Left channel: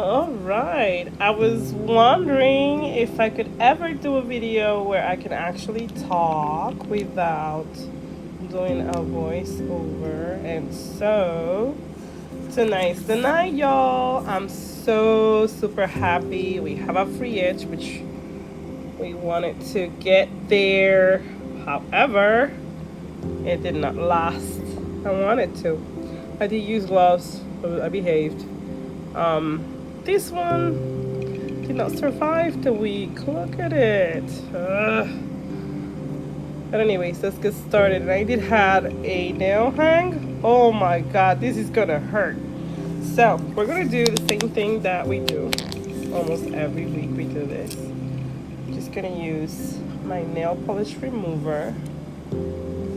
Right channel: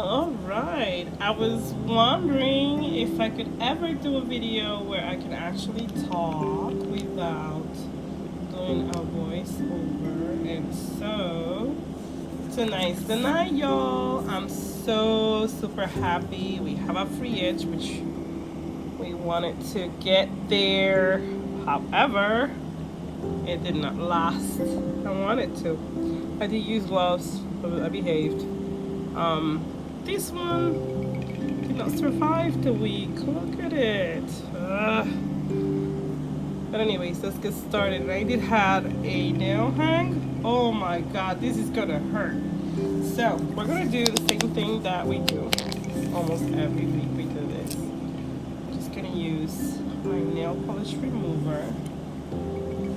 Alright, I was wondering if I could ever do a video where I can actually talk without doing a voiceover. And so, tonight's the night, y'all. I'm so super happy. We have a free edge, which we wanted to get there. However, it did not last. I wanted to. I did use gloves, but I behaved. This one did not survive the week. Look at it. But anyways, let's get started. I did have a nail hang. Oh my god, this is gonna hurt. So we're gonna do the same thing that we do almost every week. We do this. Just gonna use my nail polish remover,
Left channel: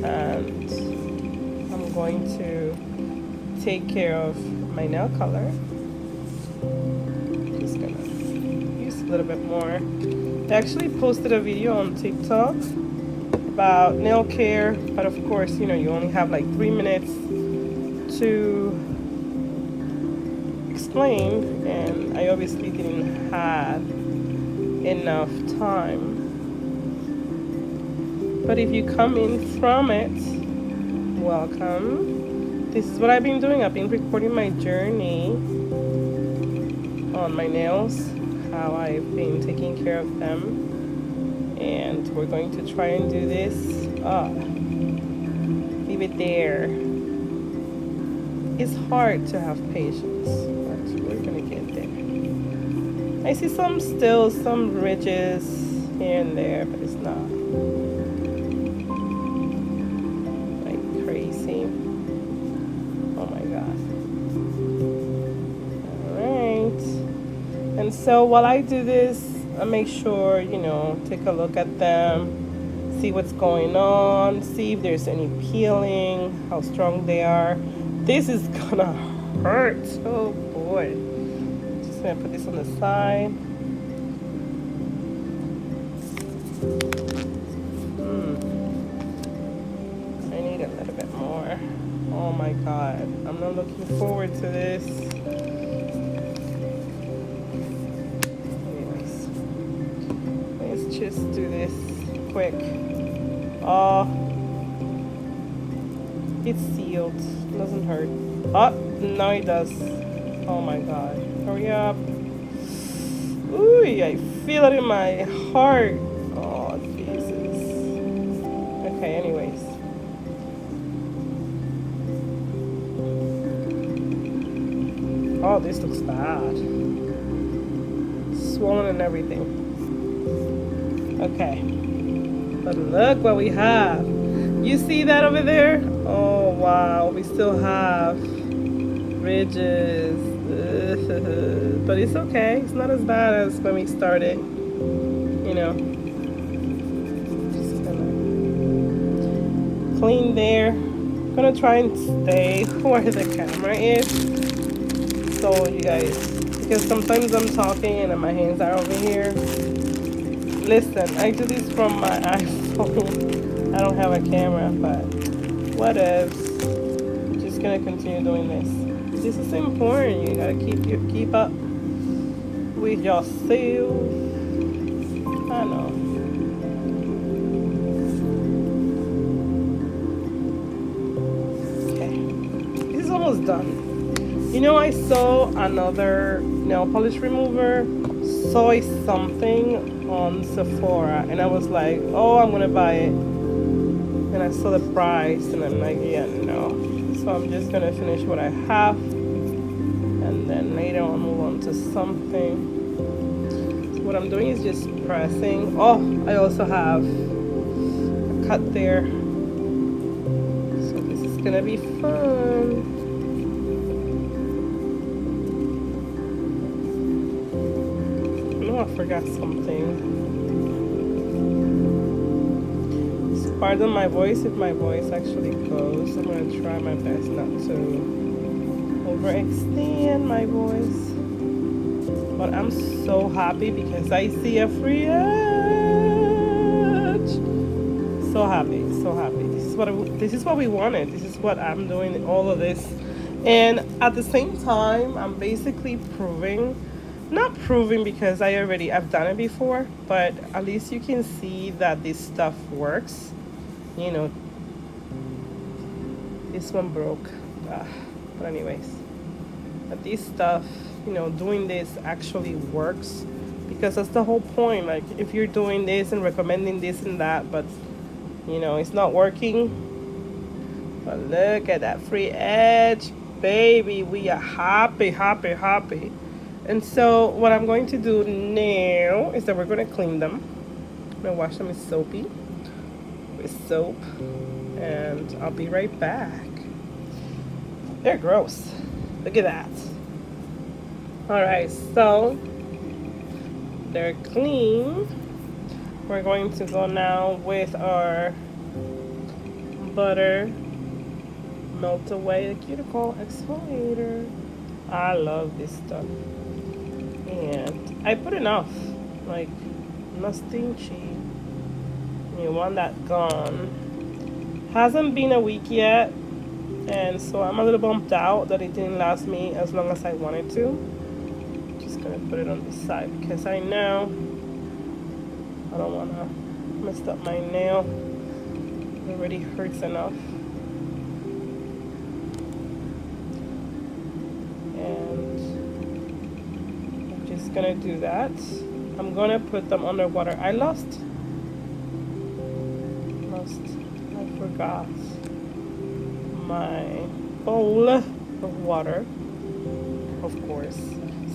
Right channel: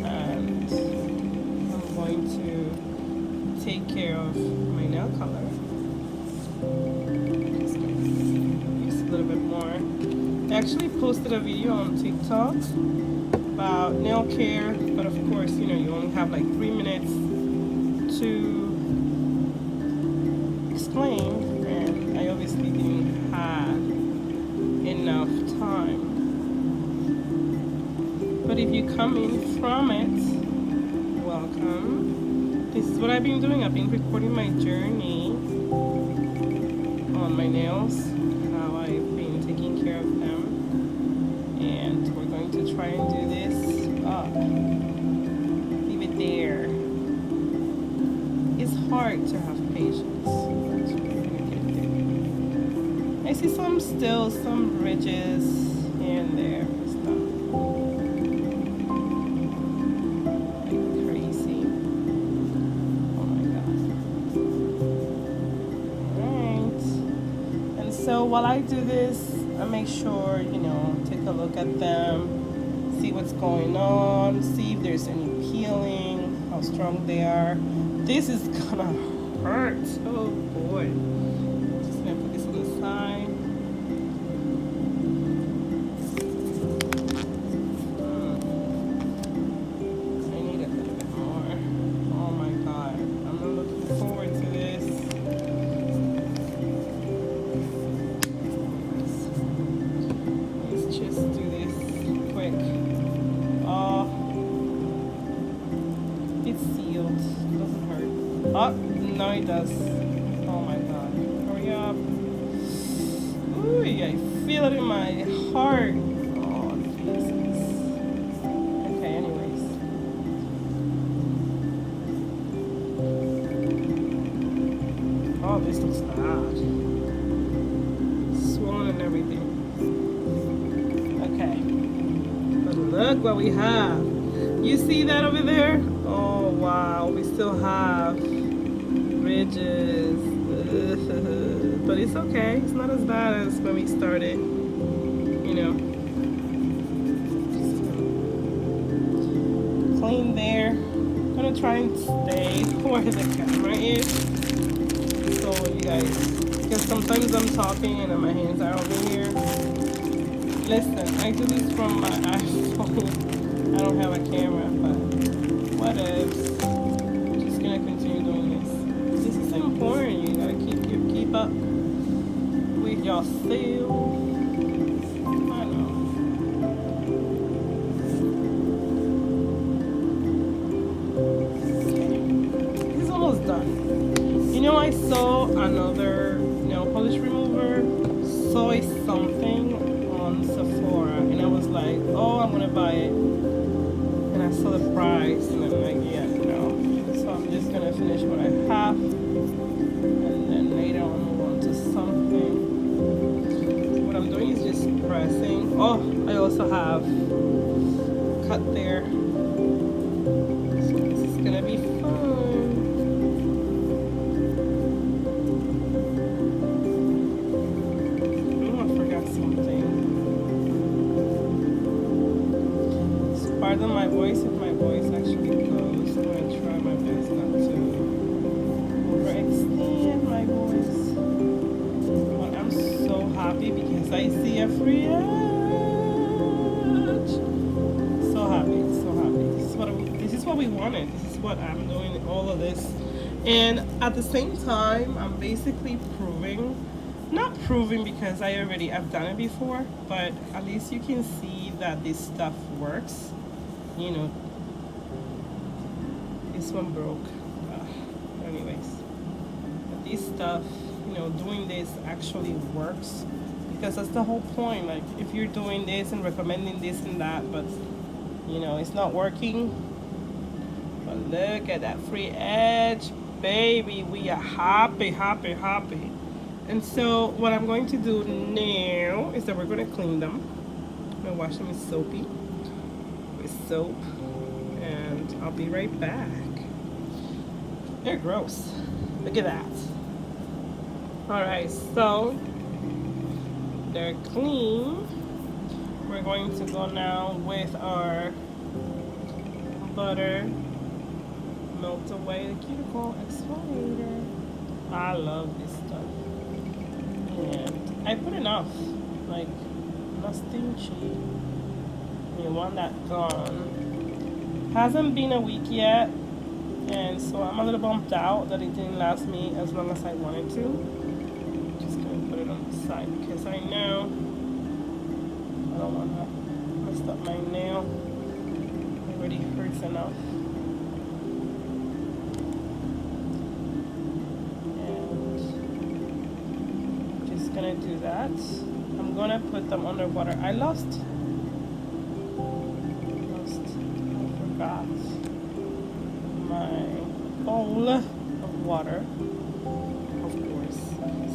and I'm going to take care of my nail color. Just gonna use a little bit more. I actually posted a video on TikTok about nail care, but of course, you know, you only have like 3 minutes to explain, and I obviously didn't have enough time. But if you come in from it, welcome. This is what I've been doing. I've been recording my journey on my nails, how I've been taking care of them, and we're going to try and do this. Leave it there. It's hard to have patience, but we're gonna get there. I see some ridges here and there, but it's not like crazy. Oh my god. Alright. And so while I do this, I make sure, you know, take a look at them, see what's going on, see if there's any peeling, how strong they are. This is gonna hurt. Oh boy. Just gonna put this on the side. I need a little bit more. Oh my god. I'm not looking forward to this. Let's just do this quick. Oh, it's sealed. Doesn't hurt. Oh, no it does. Oh my god. Hurry up. Ooh, I feel it in my heart. Oh, Jesus. Okay, anyways. Oh, this looks bad. Swollen and everything. Okay. But look what we have. You see that over there? Oh wow, we still have ridges. But it's okay. It's not as bad as when we started. You know. Just gonna clean there. I'm gonna try and stay where the camera is. So you guys, because sometimes I'm talking and my hands are over here. Listen, I do this from my iPhone. I don't have a camera, but what else? I'm just gonna continue doing this. This is important. You gotta keep up with yourself. I know. Okay, this is almost done. You know, I saw another nail polish remover, soy something on Sephora, and I was like, oh, I'm gonna buy it. And I saw the price, and I'm like, yeah, no. So I'm just gonna finish what I have, and then later on move on to something. So what I'm doing is just pressing. Oh, I also have a cut there. So this is gonna be fun. Oh, I forgot something. Pardon my voice if my voice actually goes. I'm gonna try my best not to overextend my voice. But I'm so happy because I see a free edge. So happy, so happy. This is what we wanted. This is what I'm doing all of this And at the same time, I'm basically proving, not proving because I've done it before, but at least you can see that this stuff works. You know, this one broke. But anyways, but this stuff, doing this actually works, because that's the whole point. Like, if you're doing this and recommending this and that, but it's not working. But look at that free edge, baby. We are happy, happy, happy. And so what I'm going to do now is that we're going to clean them. I'm going to wash them with soap, and I'll be right back. They're gross. Look at that. Alright, so they're clean. We're going to go now with our butter melt away cuticle exfoliator. I love this stuff. And I put enough, like, not stingy. You want that gone. Hasn't been a week yet, and so I'm a little bumped out that it didn't last me as long as I wanted to. Just gonna put it on the side because I know I don't want to mess up my nail. It already hurts enough. And just gonna do that. I'm gonna put them underwater. I forgot my bowl of water, of course.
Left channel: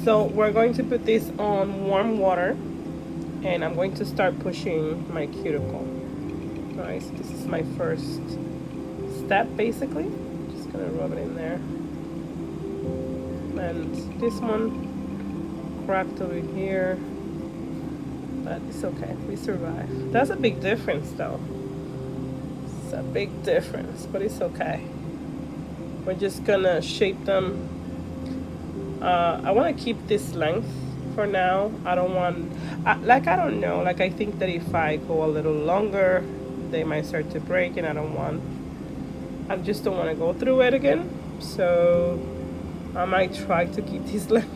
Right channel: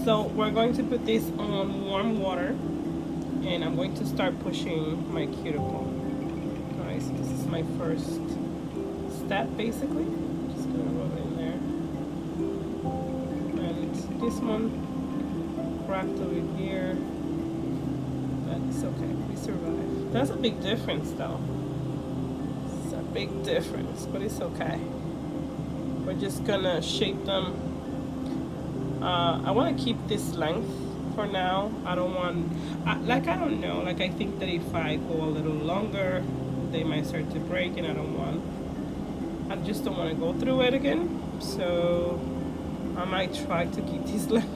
So we're going to put this on warm water, and I'm going to start pushing my cuticle. Alright, so this is my first step, basically. Just gonna rub it in there. And this one cracked over here, but it's okay, we survived. That's a big difference though. It's a big difference, but it's okay. We're just gonna shape them. I want to keep this length for now. I don't want, I don't know, like, I think that if I go a little longer, they might start to break, and I just don't want to go through it again. So I might try to keep this length.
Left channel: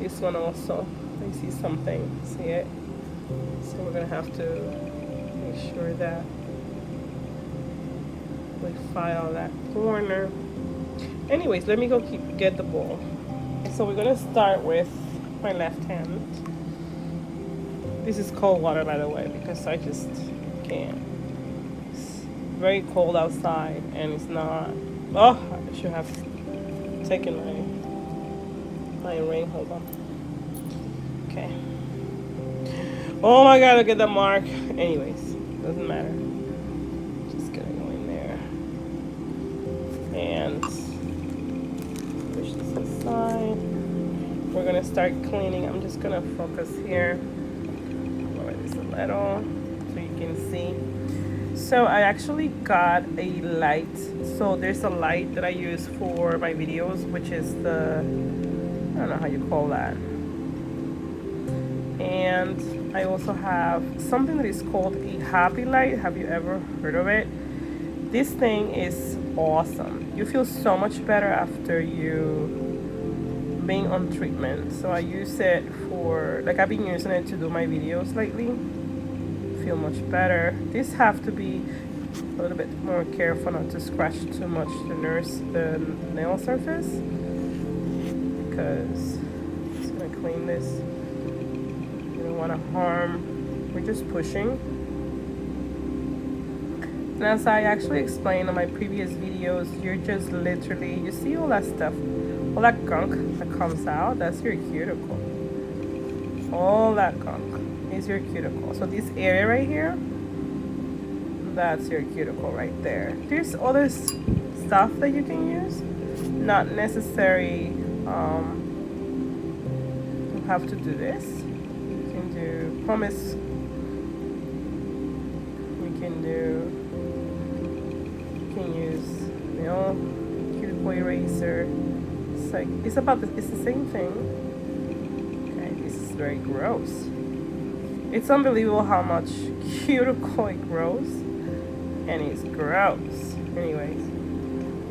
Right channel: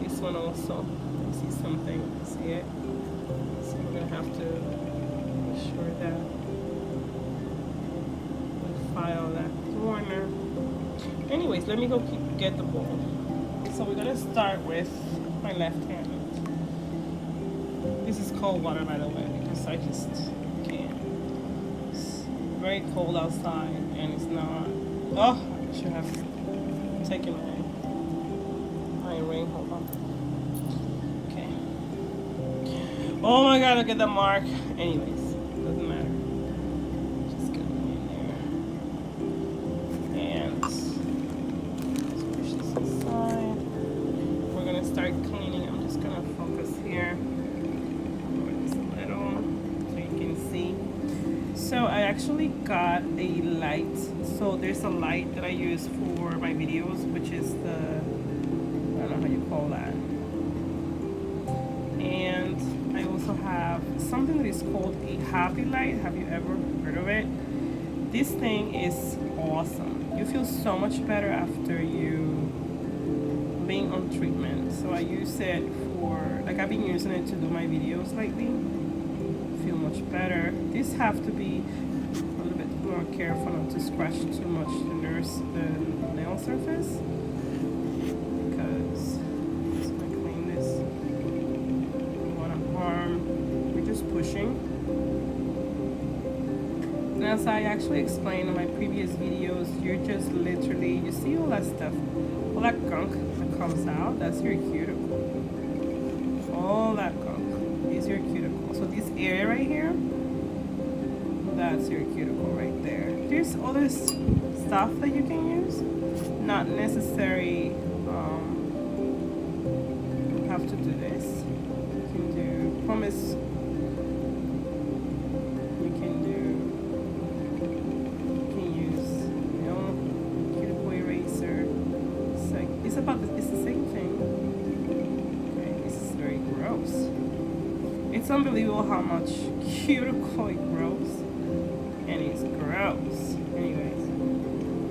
This one also, I see something, see it? So we're gonna have to make sure that we file that corner. Anyways, let me go get the bowl. So we're gonna start with my left hand. This is cold water, by the way, because I just can't. It's very cold outside, and it's not. Oh, I should have taken my rain. Hold on. Okay. Oh my God! Look at the mark. Anyways, doesn't matter. Just gonna go in there and push this aside. We're gonna start cleaning. I'm just gonna focus here. Lower this a little so you can see. So I actually got a light. So there's a light that I use for my videos, which is the, I don't know how you call that. And I also have something that is called a happy light. Have you ever heard of it? This thing is awesome. You feel so much better after you being on treatment. So I use it for, like, I've been using it to do my videos lately. Feel much better. This have to be a little bit more careful not to scratch too much the nail surface, because I'm just gonna clean this. We don't want to harm. We're just pushing. And as I actually explained on my previous videos, you're just literally, you see all that stuff, all that gunk that comes out, that's your cuticle. All that gunk is your cuticle. So this area right here, that's your cuticle right there. There's other stuff that you can use, not necessary. You have to do this. You can do pumice. You can use, cuticle eraser. It's like, it's the same thing. Okay, this is very gross. It's unbelievable how much cuticle it grows, and it's gross. Anyways,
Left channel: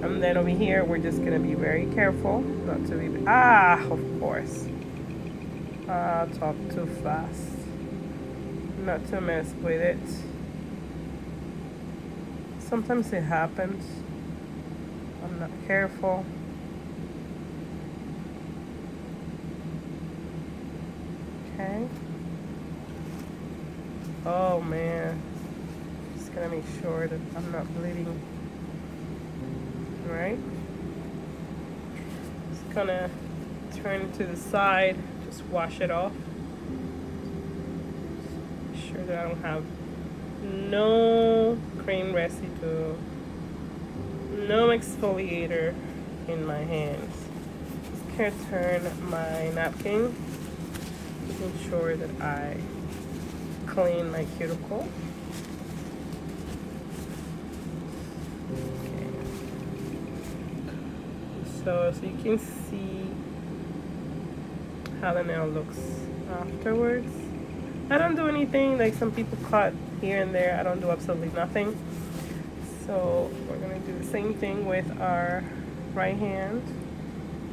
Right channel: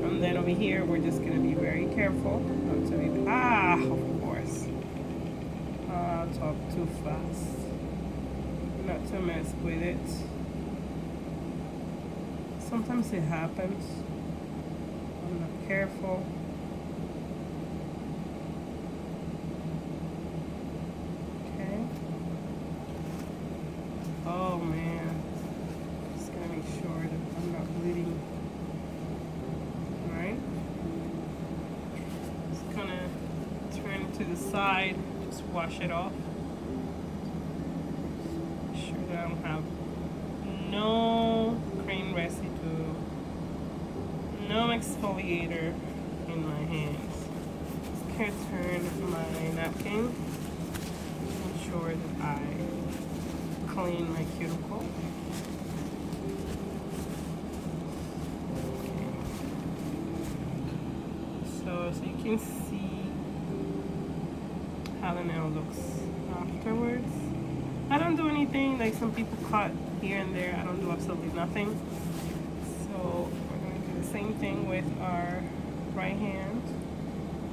And then over here, we're just gonna be very careful not to be, of course. Talk too fast. Not to mess with it. Sometimes it happens. I'm not careful. Okay. Oh man. Just gonna make sure that I'm not bleeding. Alright. Just gonna turn it to the side. Just wash it off. Make sure that I don't have no cream residue, no exfoliator in my hands. Just gonna turn my napkin. Make sure that I clean my cuticle. Okay. So you can see how the nail looks afterwards. I don't do anything, like some people cut here and there. I don't do absolutely nothing. So we're gonna do the same thing with our right hand,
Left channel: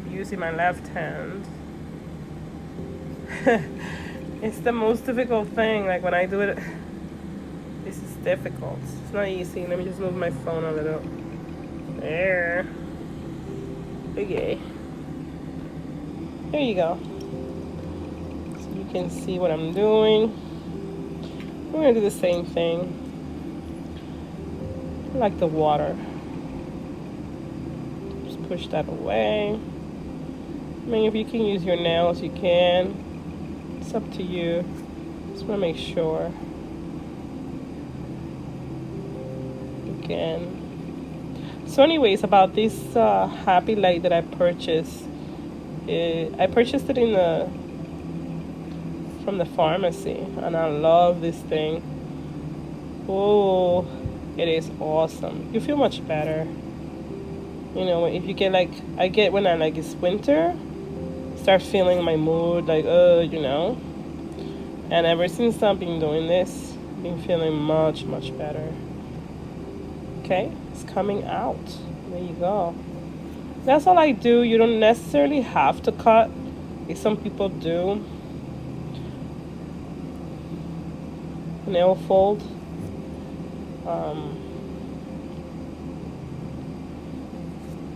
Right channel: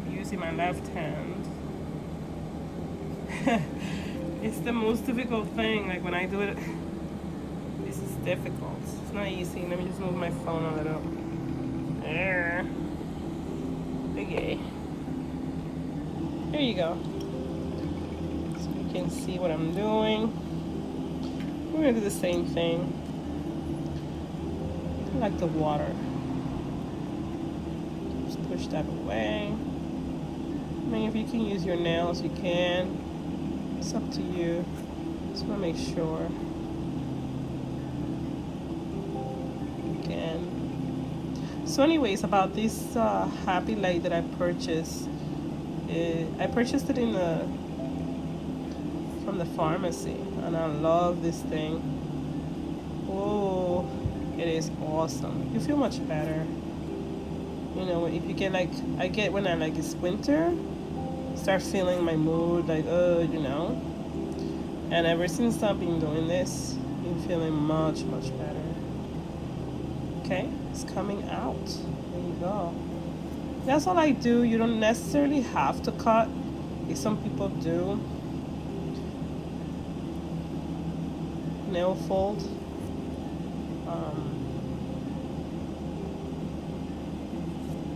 using my left hand. It's the most difficult thing. Like when I do it, this is difficult. It's not easy. Let me just move my phone a little. There. Okay. There you go. So you can see what I'm doing. We're gonna do the same thing. I like the water. Just push that away. I mean, if you can use your nails, you can. It's up to you. Just want to make sure. Again. So anyways, about this happy light that I purchased. I purchased it from the pharmacy, and I love this thing. Oh, it is awesome. You feel much better. You know, if you get I get when it's winter, start feeling my mood you know. And ever since I've been doing this, I've been feeling much better. Okay, it's coming out. There you go. That's all I do. You don't necessarily have to cut. Some people do. Nail fold.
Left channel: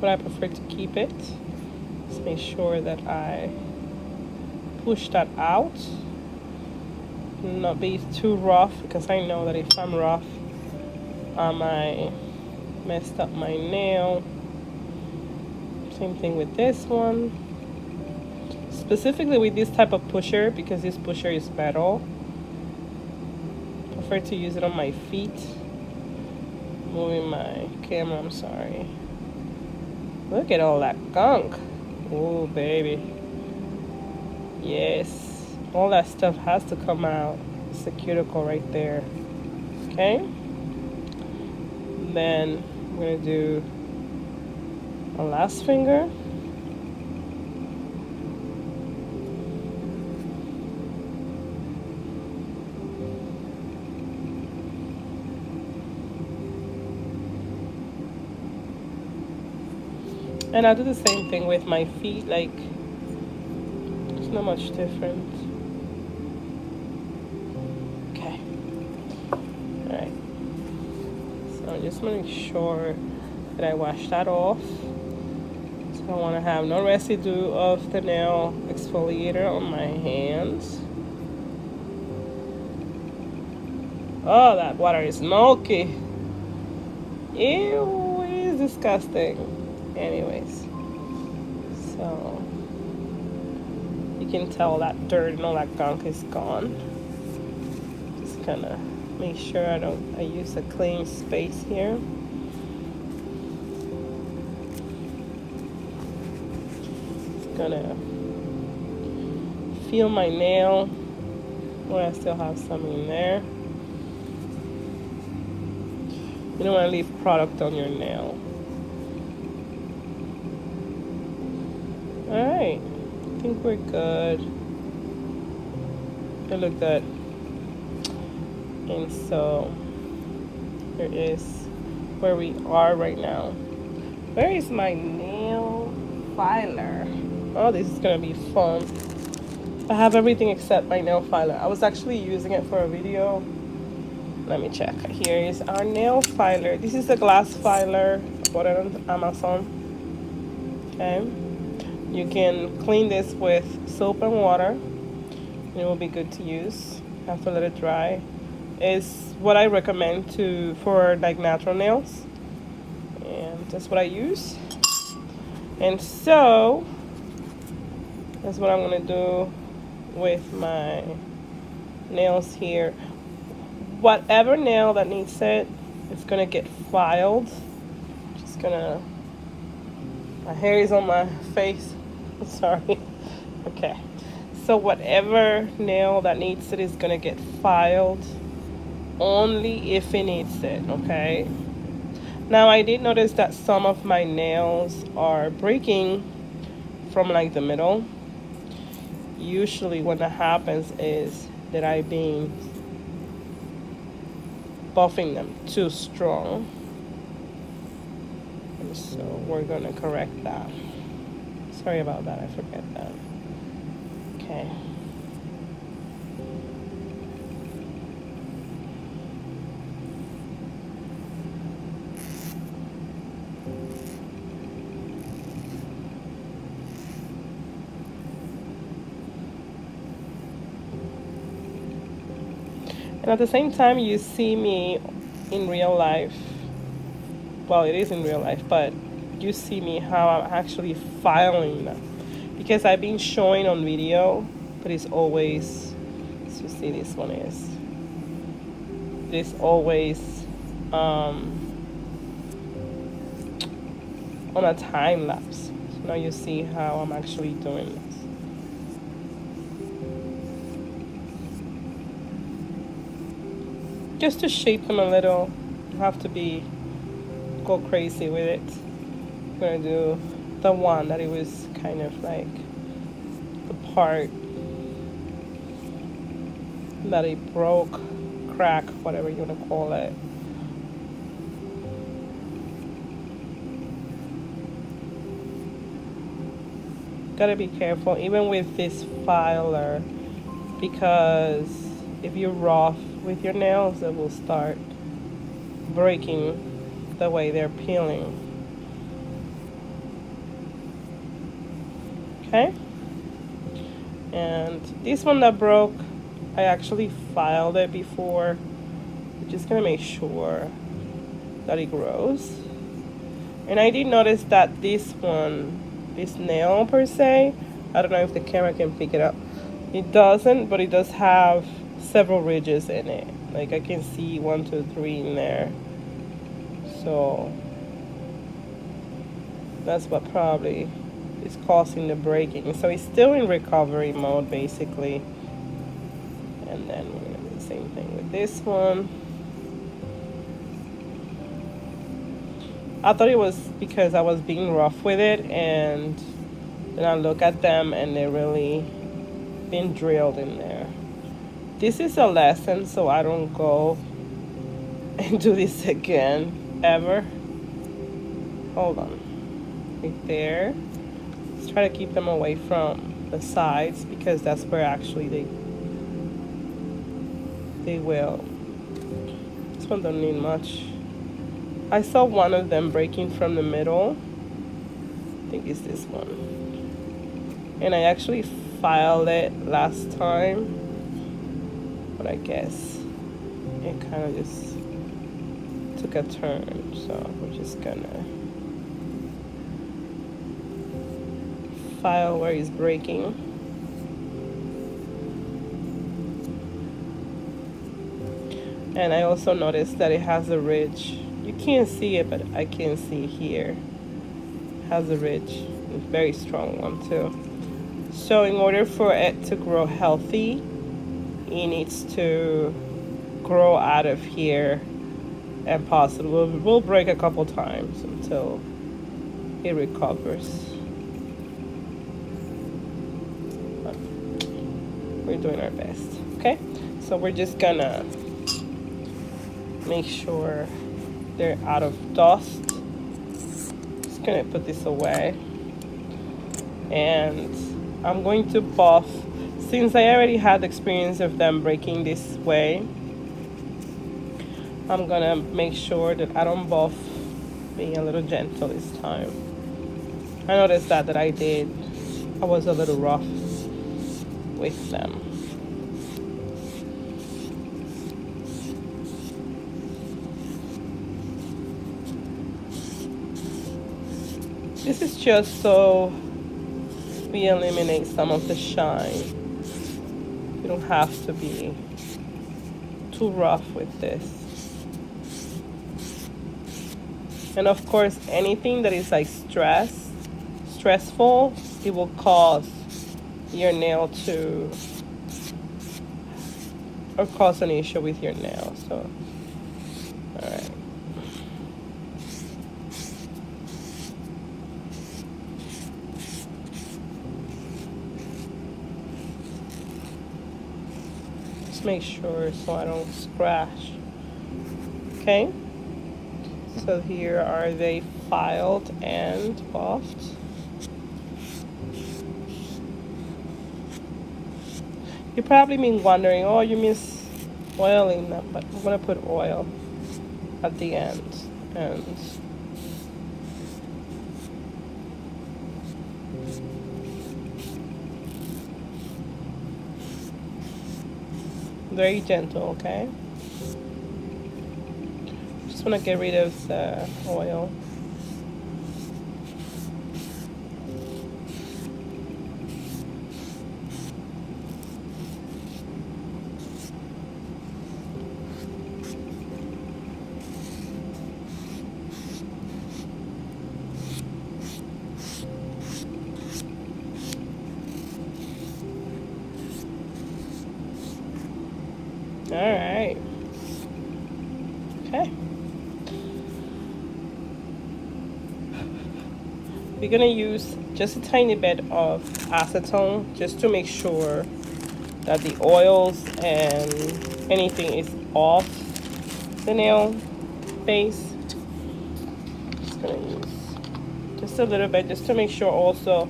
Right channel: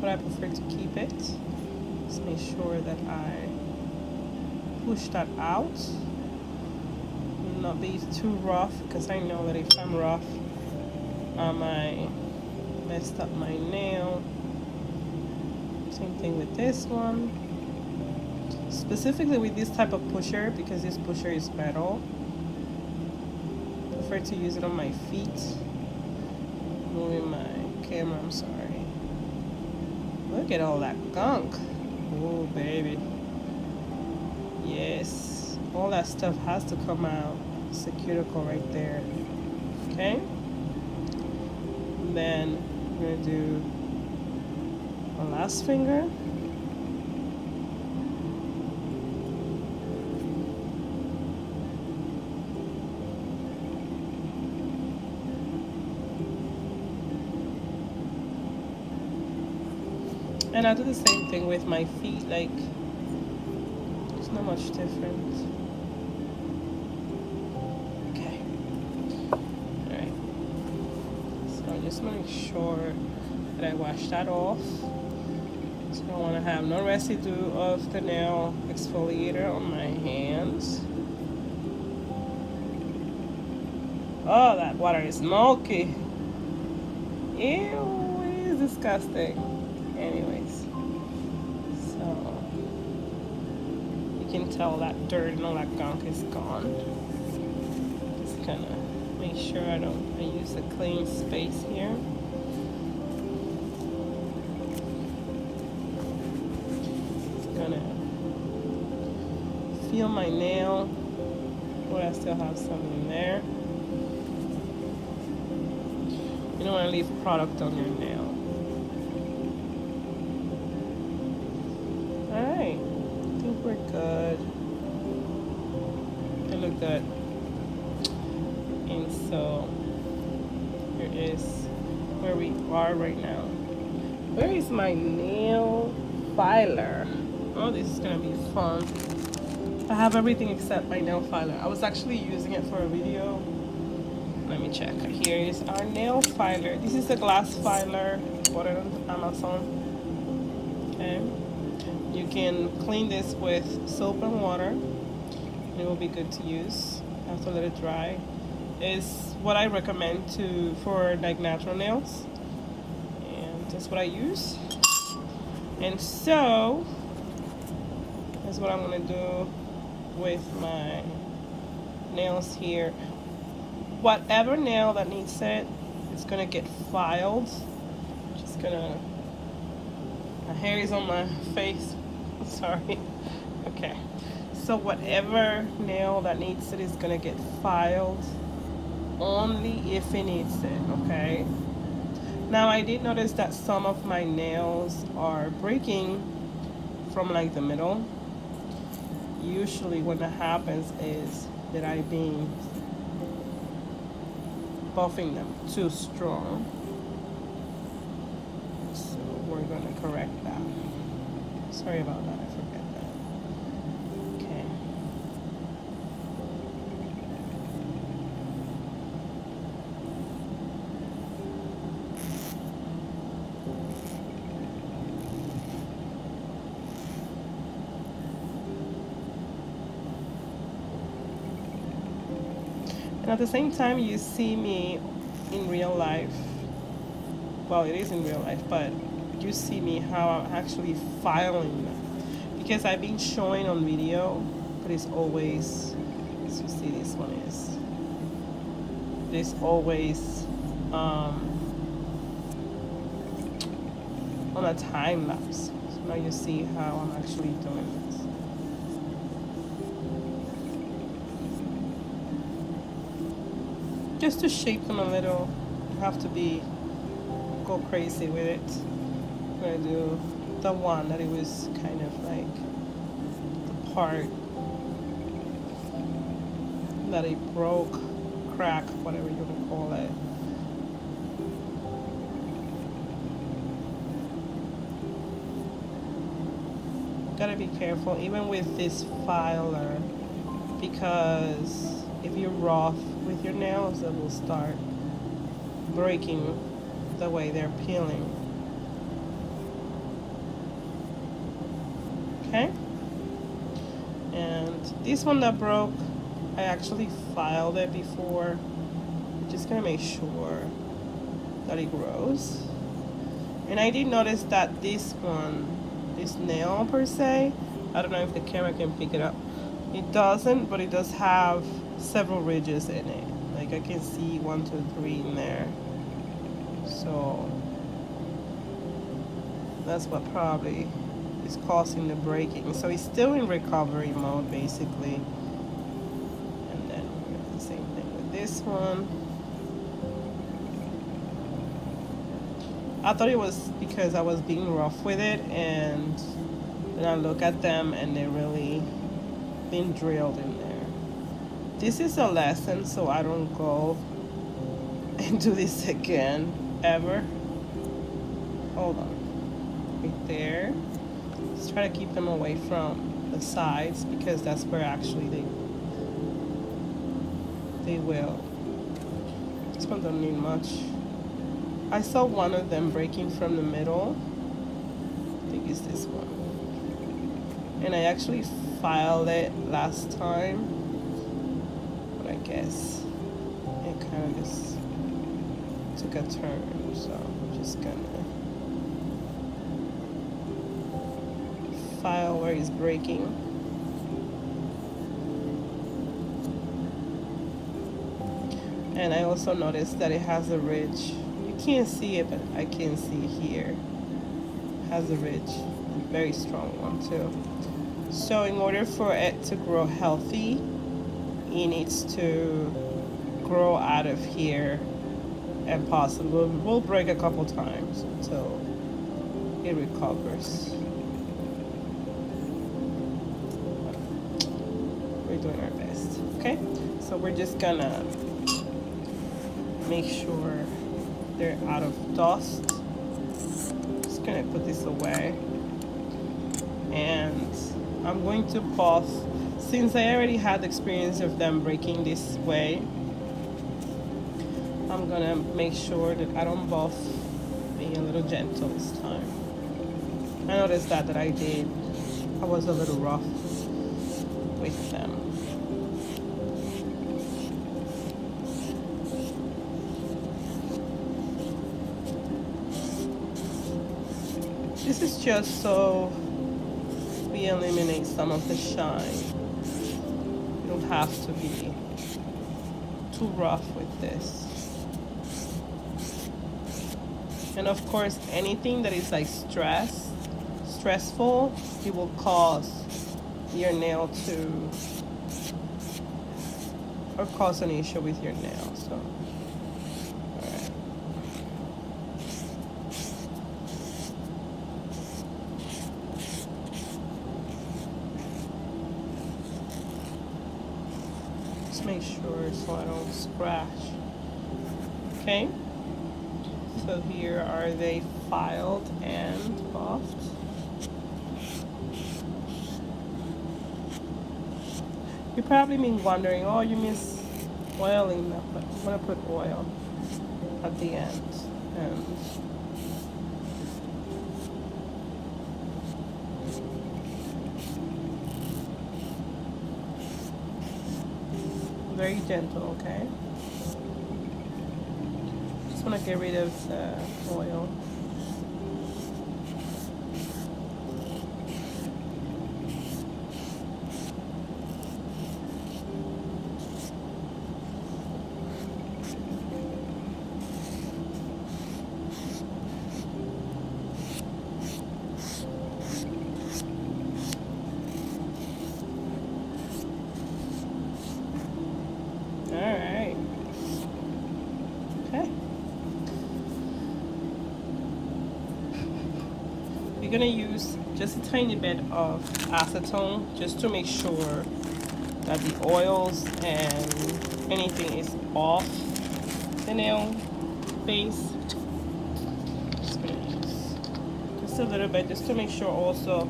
But I prefer to keep it. Just make sure that I push that out. Not be too rough, because I know that if I'm rough, I might messed up my nail. Same thing with this one. Specifically with this type of pusher, because this pusher is metal. I prefer to use it on my feet. Moving my camera, I'm sorry. Look at all that gunk. Oh, baby. Yes. All that stuff has to come out. It's the cuticle right there. Okay? And then I'm going to do a last finger. And I'll do the same thing with my feet, it's not much different. Okay. Alright. So I just want to make sure that I wash that off. So I want to have no residue of the nail exfoliator on my hands. Oh, that water is milky. Ew, it is disgusting. Anyways, so you can tell that dirt and all that gunk is gone. Just gonna make sure I use a clean space here. Just gonna feel my nail where I still have some in there. You don't want to leave product on your nail. Alright, I think we're good. It looked good. And so here is where we are right now. Where is my nail filer? Oh, this is gonna be fun. I have everything except my nail filer. I was actually using it for a video. Let me check. Here is our nail filer. This is a glass filer. I bought it on Amazon. Okay. You can clean this with soap and water. It will be good to use. Have to let it dry. It's what I recommend for like natural nails. And that's what I use. And so that's what I'm gonna do with my nails here. Whatever nail that needs it, it's gonna get filed. Just gonna, my hair is on my face. Sorry. Okay. So whatever nail that needs it is gonna get filed only if it needs it, okay? Now I did notice that some of my nails are breaking from like the middle. Usually when that happens is that I've been buffing them too strong. And so we're gonna correct that. Sorry about that, I forget that. Okay. And at the same time, you see me in real life. Well, it is in real life, but you see me how I'm actually filing them. Because I've been showing on video, but it's always, let's just see, this one is. It's always on a time lapse. So now you see how I'm actually doing this. Just to shape them a little. You have to go crazy with it. I'm gonna do the one that it was kind of like the part that it broke, crack, whatever you want to call it. Gotta be careful even with this filer, because if you're rough with your nails, it will start breaking the way they're peeling. Okay? And this one that broke, I actually filed it before. I'm just gonna make sure that it grows. And I did notice that this nail per se, I don't know if the camera can pick it up. It doesn't, but it does have several ridges in it. Like I can see 1, 2, 3 in there. So that's what probably is causing the breaking. So it's still in recovery mode basically. And then we're gonna do the same thing with this one. I thought it was because I was being rough with it, and then I look at them and they're really been drilled in there. This is a lesson, so I don't go and do this again ever. Hold on. Right there. Let's try to keep them away from the sides, because that's where actually they will. This one don't need much. I saw one of them breaking from the middle. I think it's this one. And I actually filed it last time, but I guess it kind of just took a turn. So we're just gonna file where it's breaking. And I also noticed that it has a ridge. You can't see it, but I can see here. It has a ridge, a very strong one too. So in order for it to grow healthy, it needs to grow out of here, and possibly will break a couple times until it recovers. We're doing our best, okay? So we're just gonna make sure they're out of dust. Just gonna put this away, and I'm going to buff. Since I already had experience of them breaking this way, I'm gonna make sure that I don't buff, being a little gentle this time. I noticed that I was a little rough with them. This is just so we eliminate some of the shine. You don't have to be too rough with this. And of course, anything that is like stressful, it will cause your nail to, or cause an issue with your nail. So, all right. Just make sure so I don't scratch. Okay. So here are they filed and buffed. You probably been wondering, oh, you miss oiling that, but I'm gonna put oil at the end. And very gentle, okay? Just wanna get rid of the oil. All right. Okay. We're gonna use just a tiny bit of acetone just to make sure that the oils and anything is off the nail base. Just gonna use just a little bit just to make sure also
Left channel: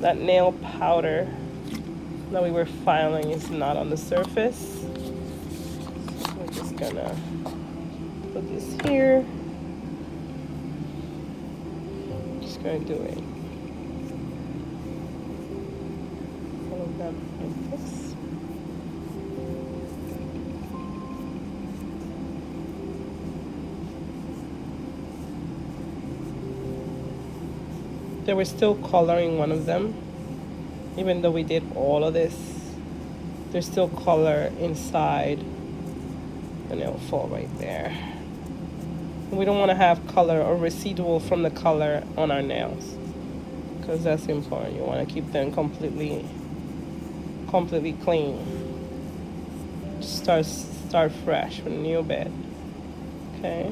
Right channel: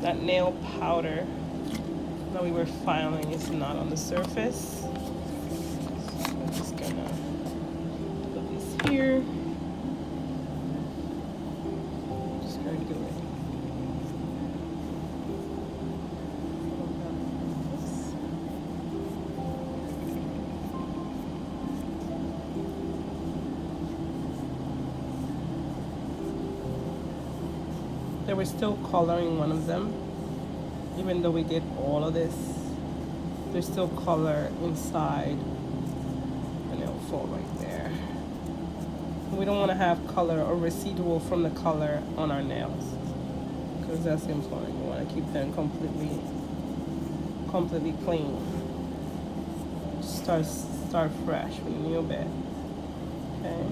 that nail powder that we were filing is not on the surface. So I'm just gonna put this here. Just gonna do it. They were still coloring one of them, even though we did all of this. There's still color inside the nail fall right there. We don't want to have color or residual from the color on our nails, because that's important. You want to keep them completely clean. Start fresh with a new bed. Okay.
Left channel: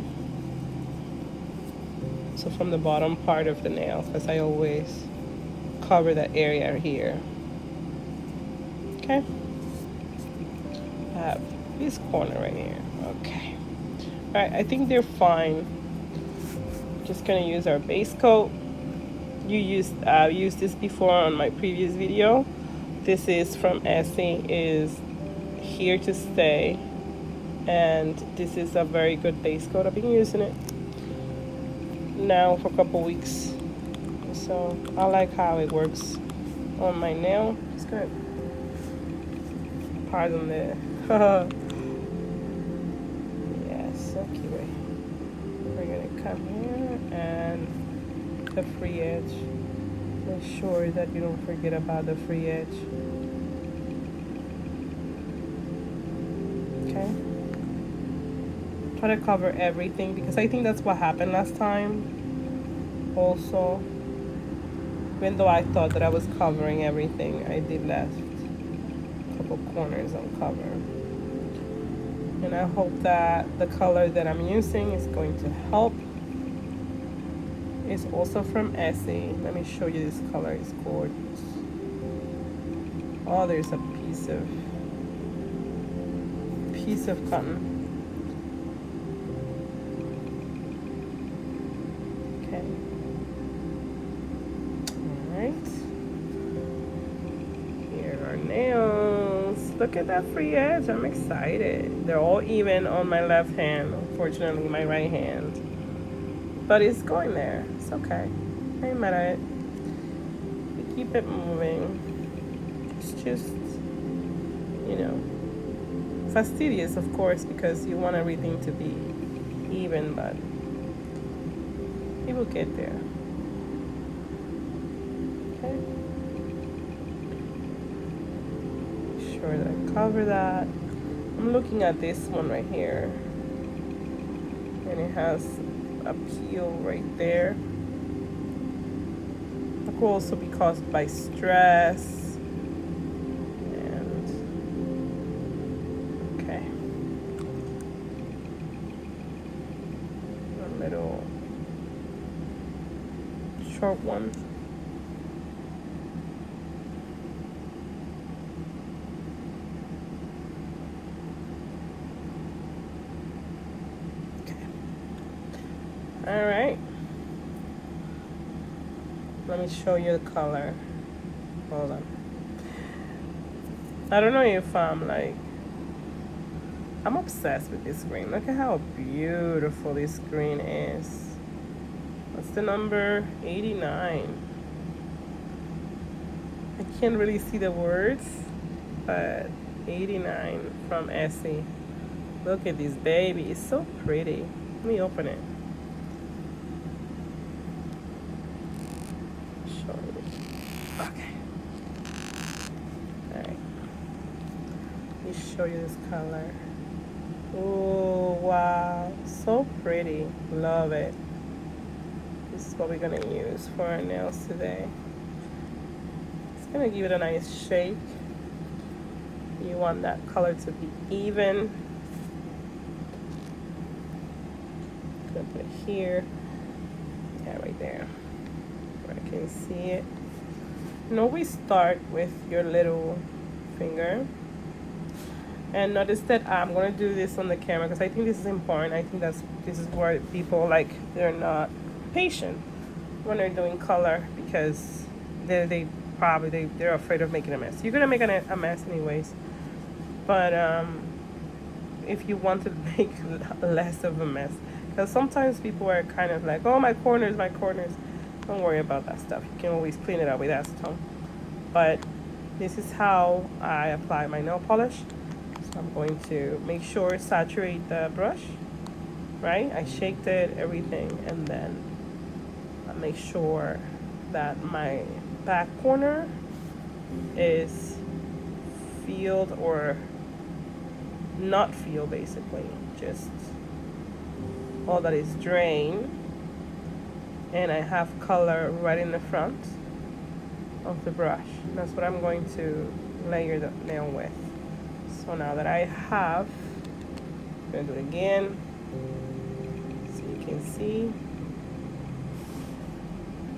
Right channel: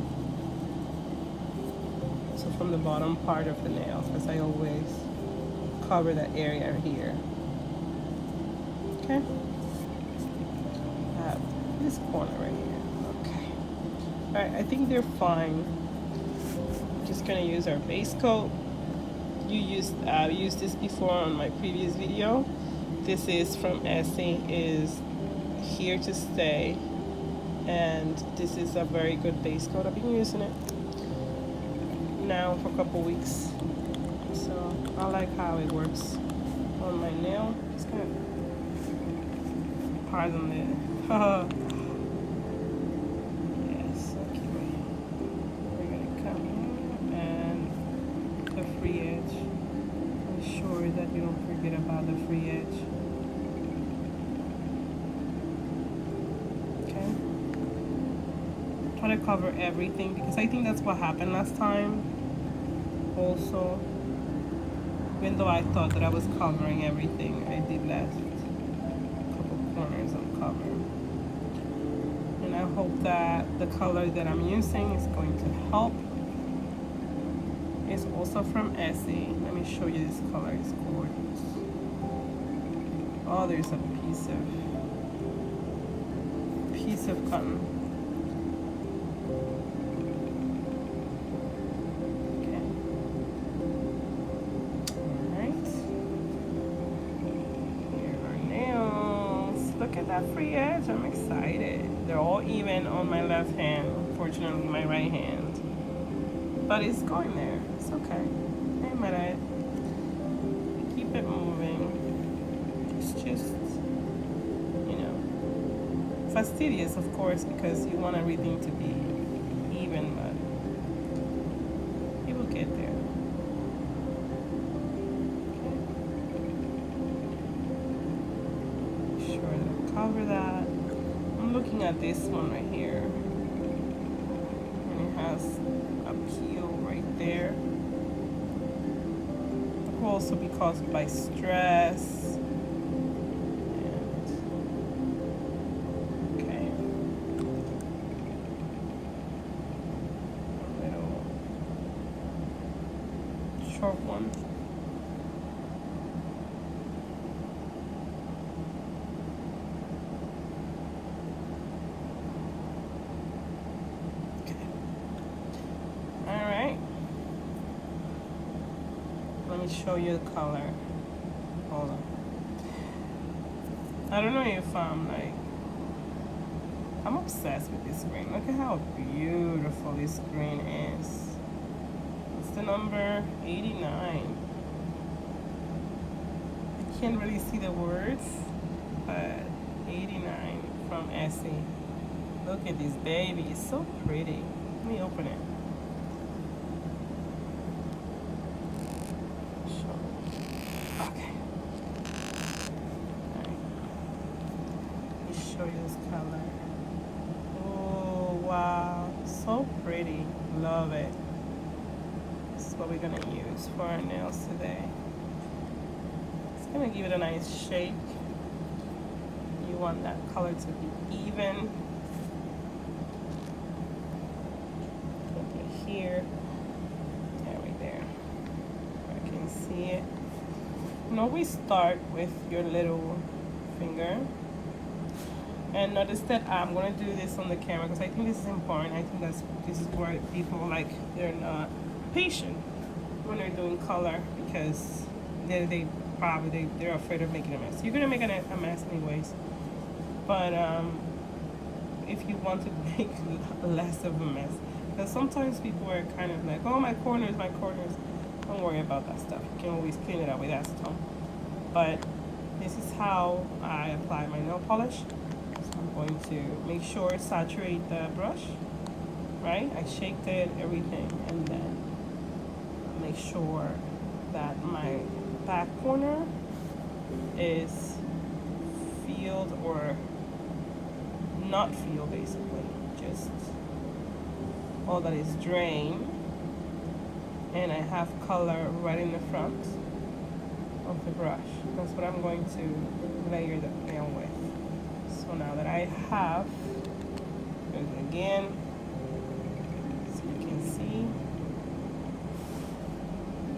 So from the bottom part of the nail, because I always cover that area here. Okay. This corner right here. Okay. All right, I think they're fine. Just gonna use our base coat. Used this before on my previous video. This is from Essie, is here to stay, and this is a very good base coat. I've been using it now for a couple weeks, so I like how it works on my nail. It's good. Pardon the yes, okay. We're gonna come here and the free edge. Ensure that you don't forget about the free edge. Okay. Try to cover everything, because I think that's what happened last time. Also, even though I thought that I was covering everything, I did left a couple corners uncovered. And I hope that the color that I'm using is going to help. It's also from Essie. Let me show you this color. It's gorgeous. Oh, there's a piece of cotton. Look at that free edge. I'm excited. They're all even on my left hand. Unfortunately, my right hand. But it's going there. It's okay. I ain't mad at it. Keep it moving. It's just, you know, fastidious, of course, because you want everything to be even, but it will get there. Cover that. I'm looking at this one right here, and it has a peel right there. It will also be caused by stress. And okay, a little short one. Let me show you the color. Hold on. I don't know if I'm obsessed with this green. Look at how beautiful this green is. What's the number? 89. I can't really see the words, but 89 from Essie. Look at this baby. It's so pretty. Let me open it. Show you this color. Oh wow, so pretty. Love it. This is what we're gonna use for our nails today. It's gonna give it a nice shake. You want that color to be even. Gonna put it here. Yeah, right there, where I can see it. You always start with your little finger. And notice that I'm going to do this on the camera because I think this is important. I think this is where people they're not patient when they're doing color because they're afraid of making a mess. You're gonna make a mess anyways, but if you want to make less of a mess, because sometimes people are kind of like, oh, my corners. Don't worry about that stuff. You can always clean it up with acetone. But this is how I apply my nail polish. I'm going to make sure saturate the brush, right? I shaked it, everything, and then I make sure that my back corner is filled or not filled, basically. Just all that is drained, and I have color right in the front of the brush. That's what I'm going to layer the nail with. So now that I have, I'm going to do it again so you can see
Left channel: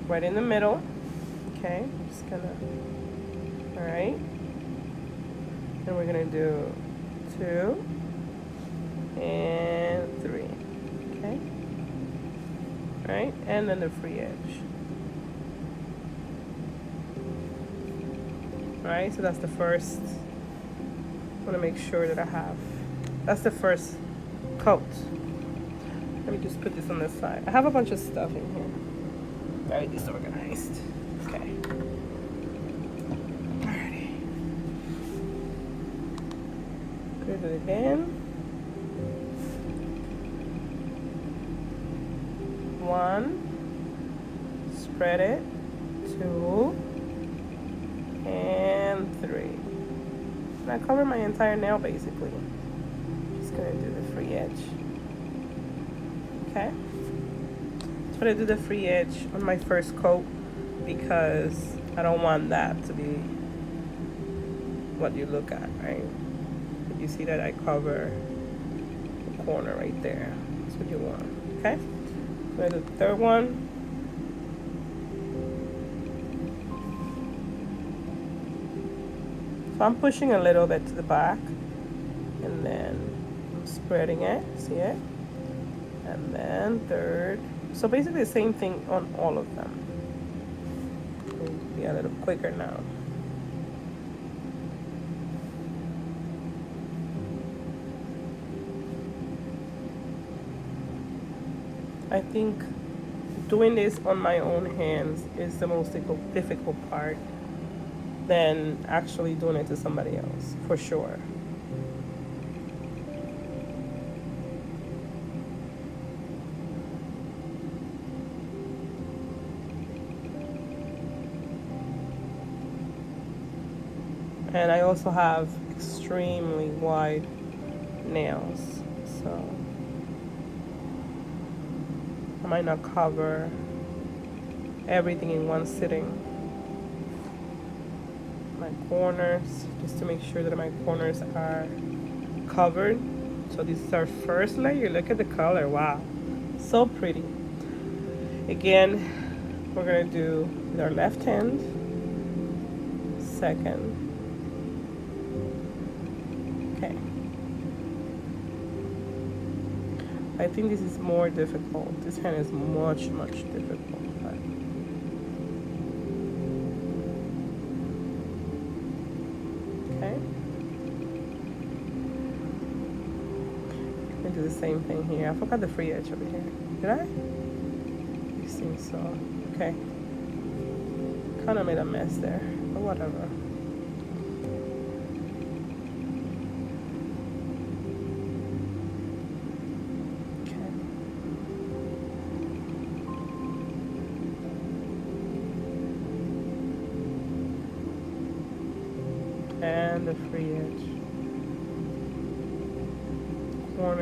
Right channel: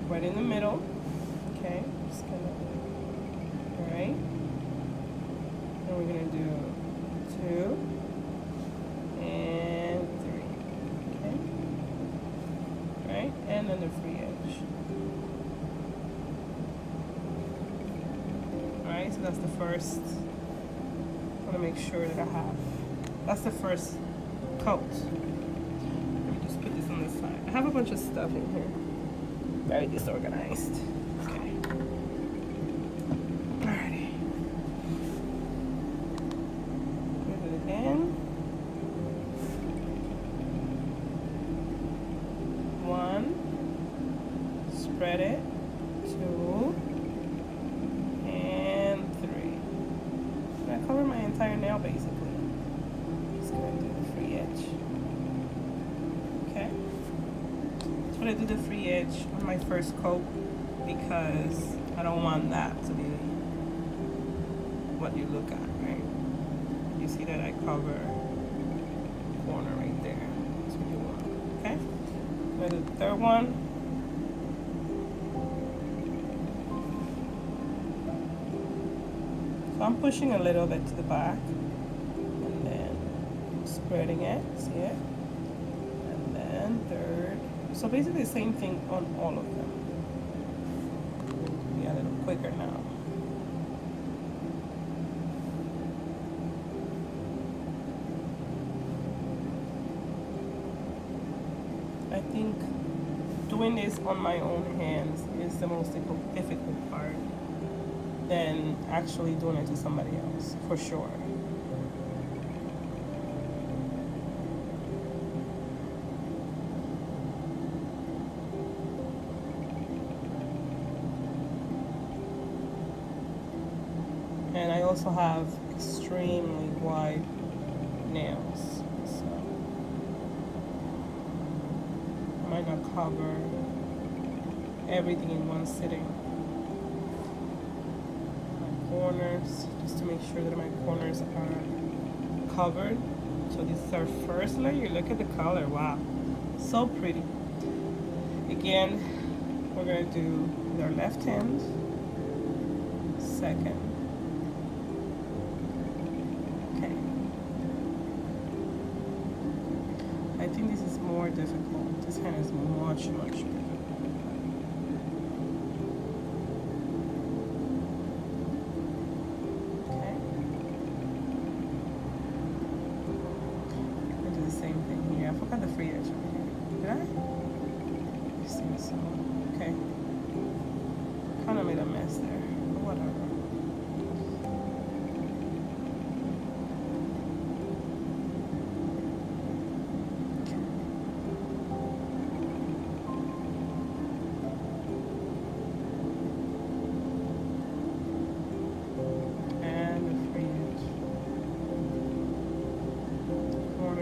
right in the middle. Okay, just gonna, all right, and we're gonna do 2 and 3. Okay, all right, and then the free edge. All right, so that's the first. I want to make sure that I have, that's the first coat. Let me just put this on this side. I have a bunch of stuff in here, very disorganized. Okay, alrighty, put it again. 1, spread it, 2, cover my entire nail basically. Just gonna do the free edge. Okay. So I'm gonna do the free edge on my first coat because I don't want that to be what you look at, right? You see that I cover the corner right there. That's what you want. Okay. I'm gonna do the third one. So I'm pushing a little bit to the back and then spreading it, see it? And then third. So basically the same thing on all of them. Be a little quicker now. I think doing this on my own hands is the most difficult part than actually doing it to somebody else, for sure. And I also have extremely wide nails, so I might not cover everything in one sitting. My corners, just to make sure that my corners are covered. So this is our first layer. Look at the color, wow, so pretty. Again, we're gonna do with our left hand, second. Okay. I think this is more difficult. This hand is much difficult. Okay. I do the same thing here. I forgot the free edge over here. Did I? I think so. Okay. Kind of made a mess there, but whatever.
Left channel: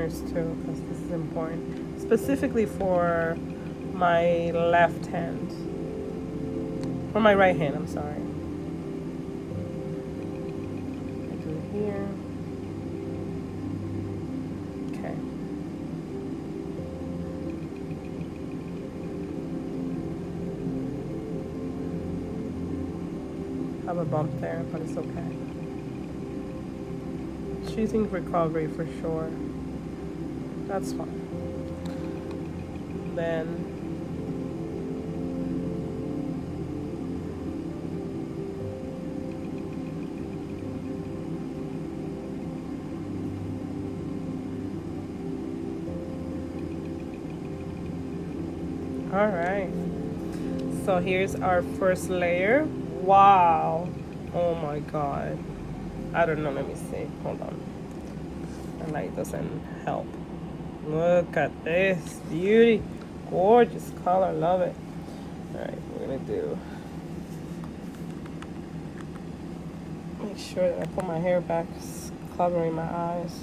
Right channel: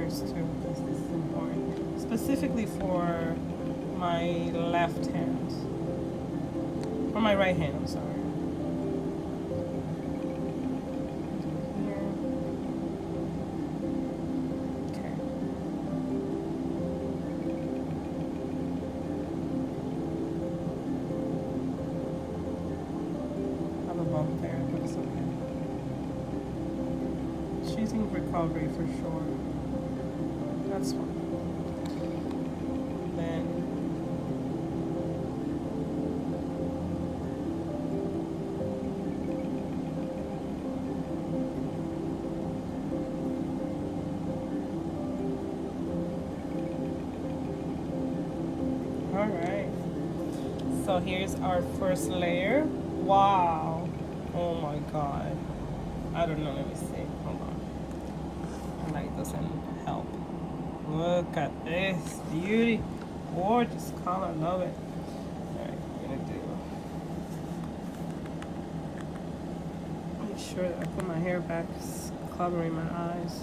Too, because this is important, specifically for my left hand, for my right hand, I'm sorry. Do it here. Okay. I have a bump there, but it's okay. She's in recovery for sure. That's fine. Then all right. So here's our first layer. Wow. Oh my god. I don't know. Let me see. Hold on. The light doesn't help. Look at this beauty, gorgeous color, love it. All right, we're gonna do, make sure that I put my hair back, it's covering my eyes.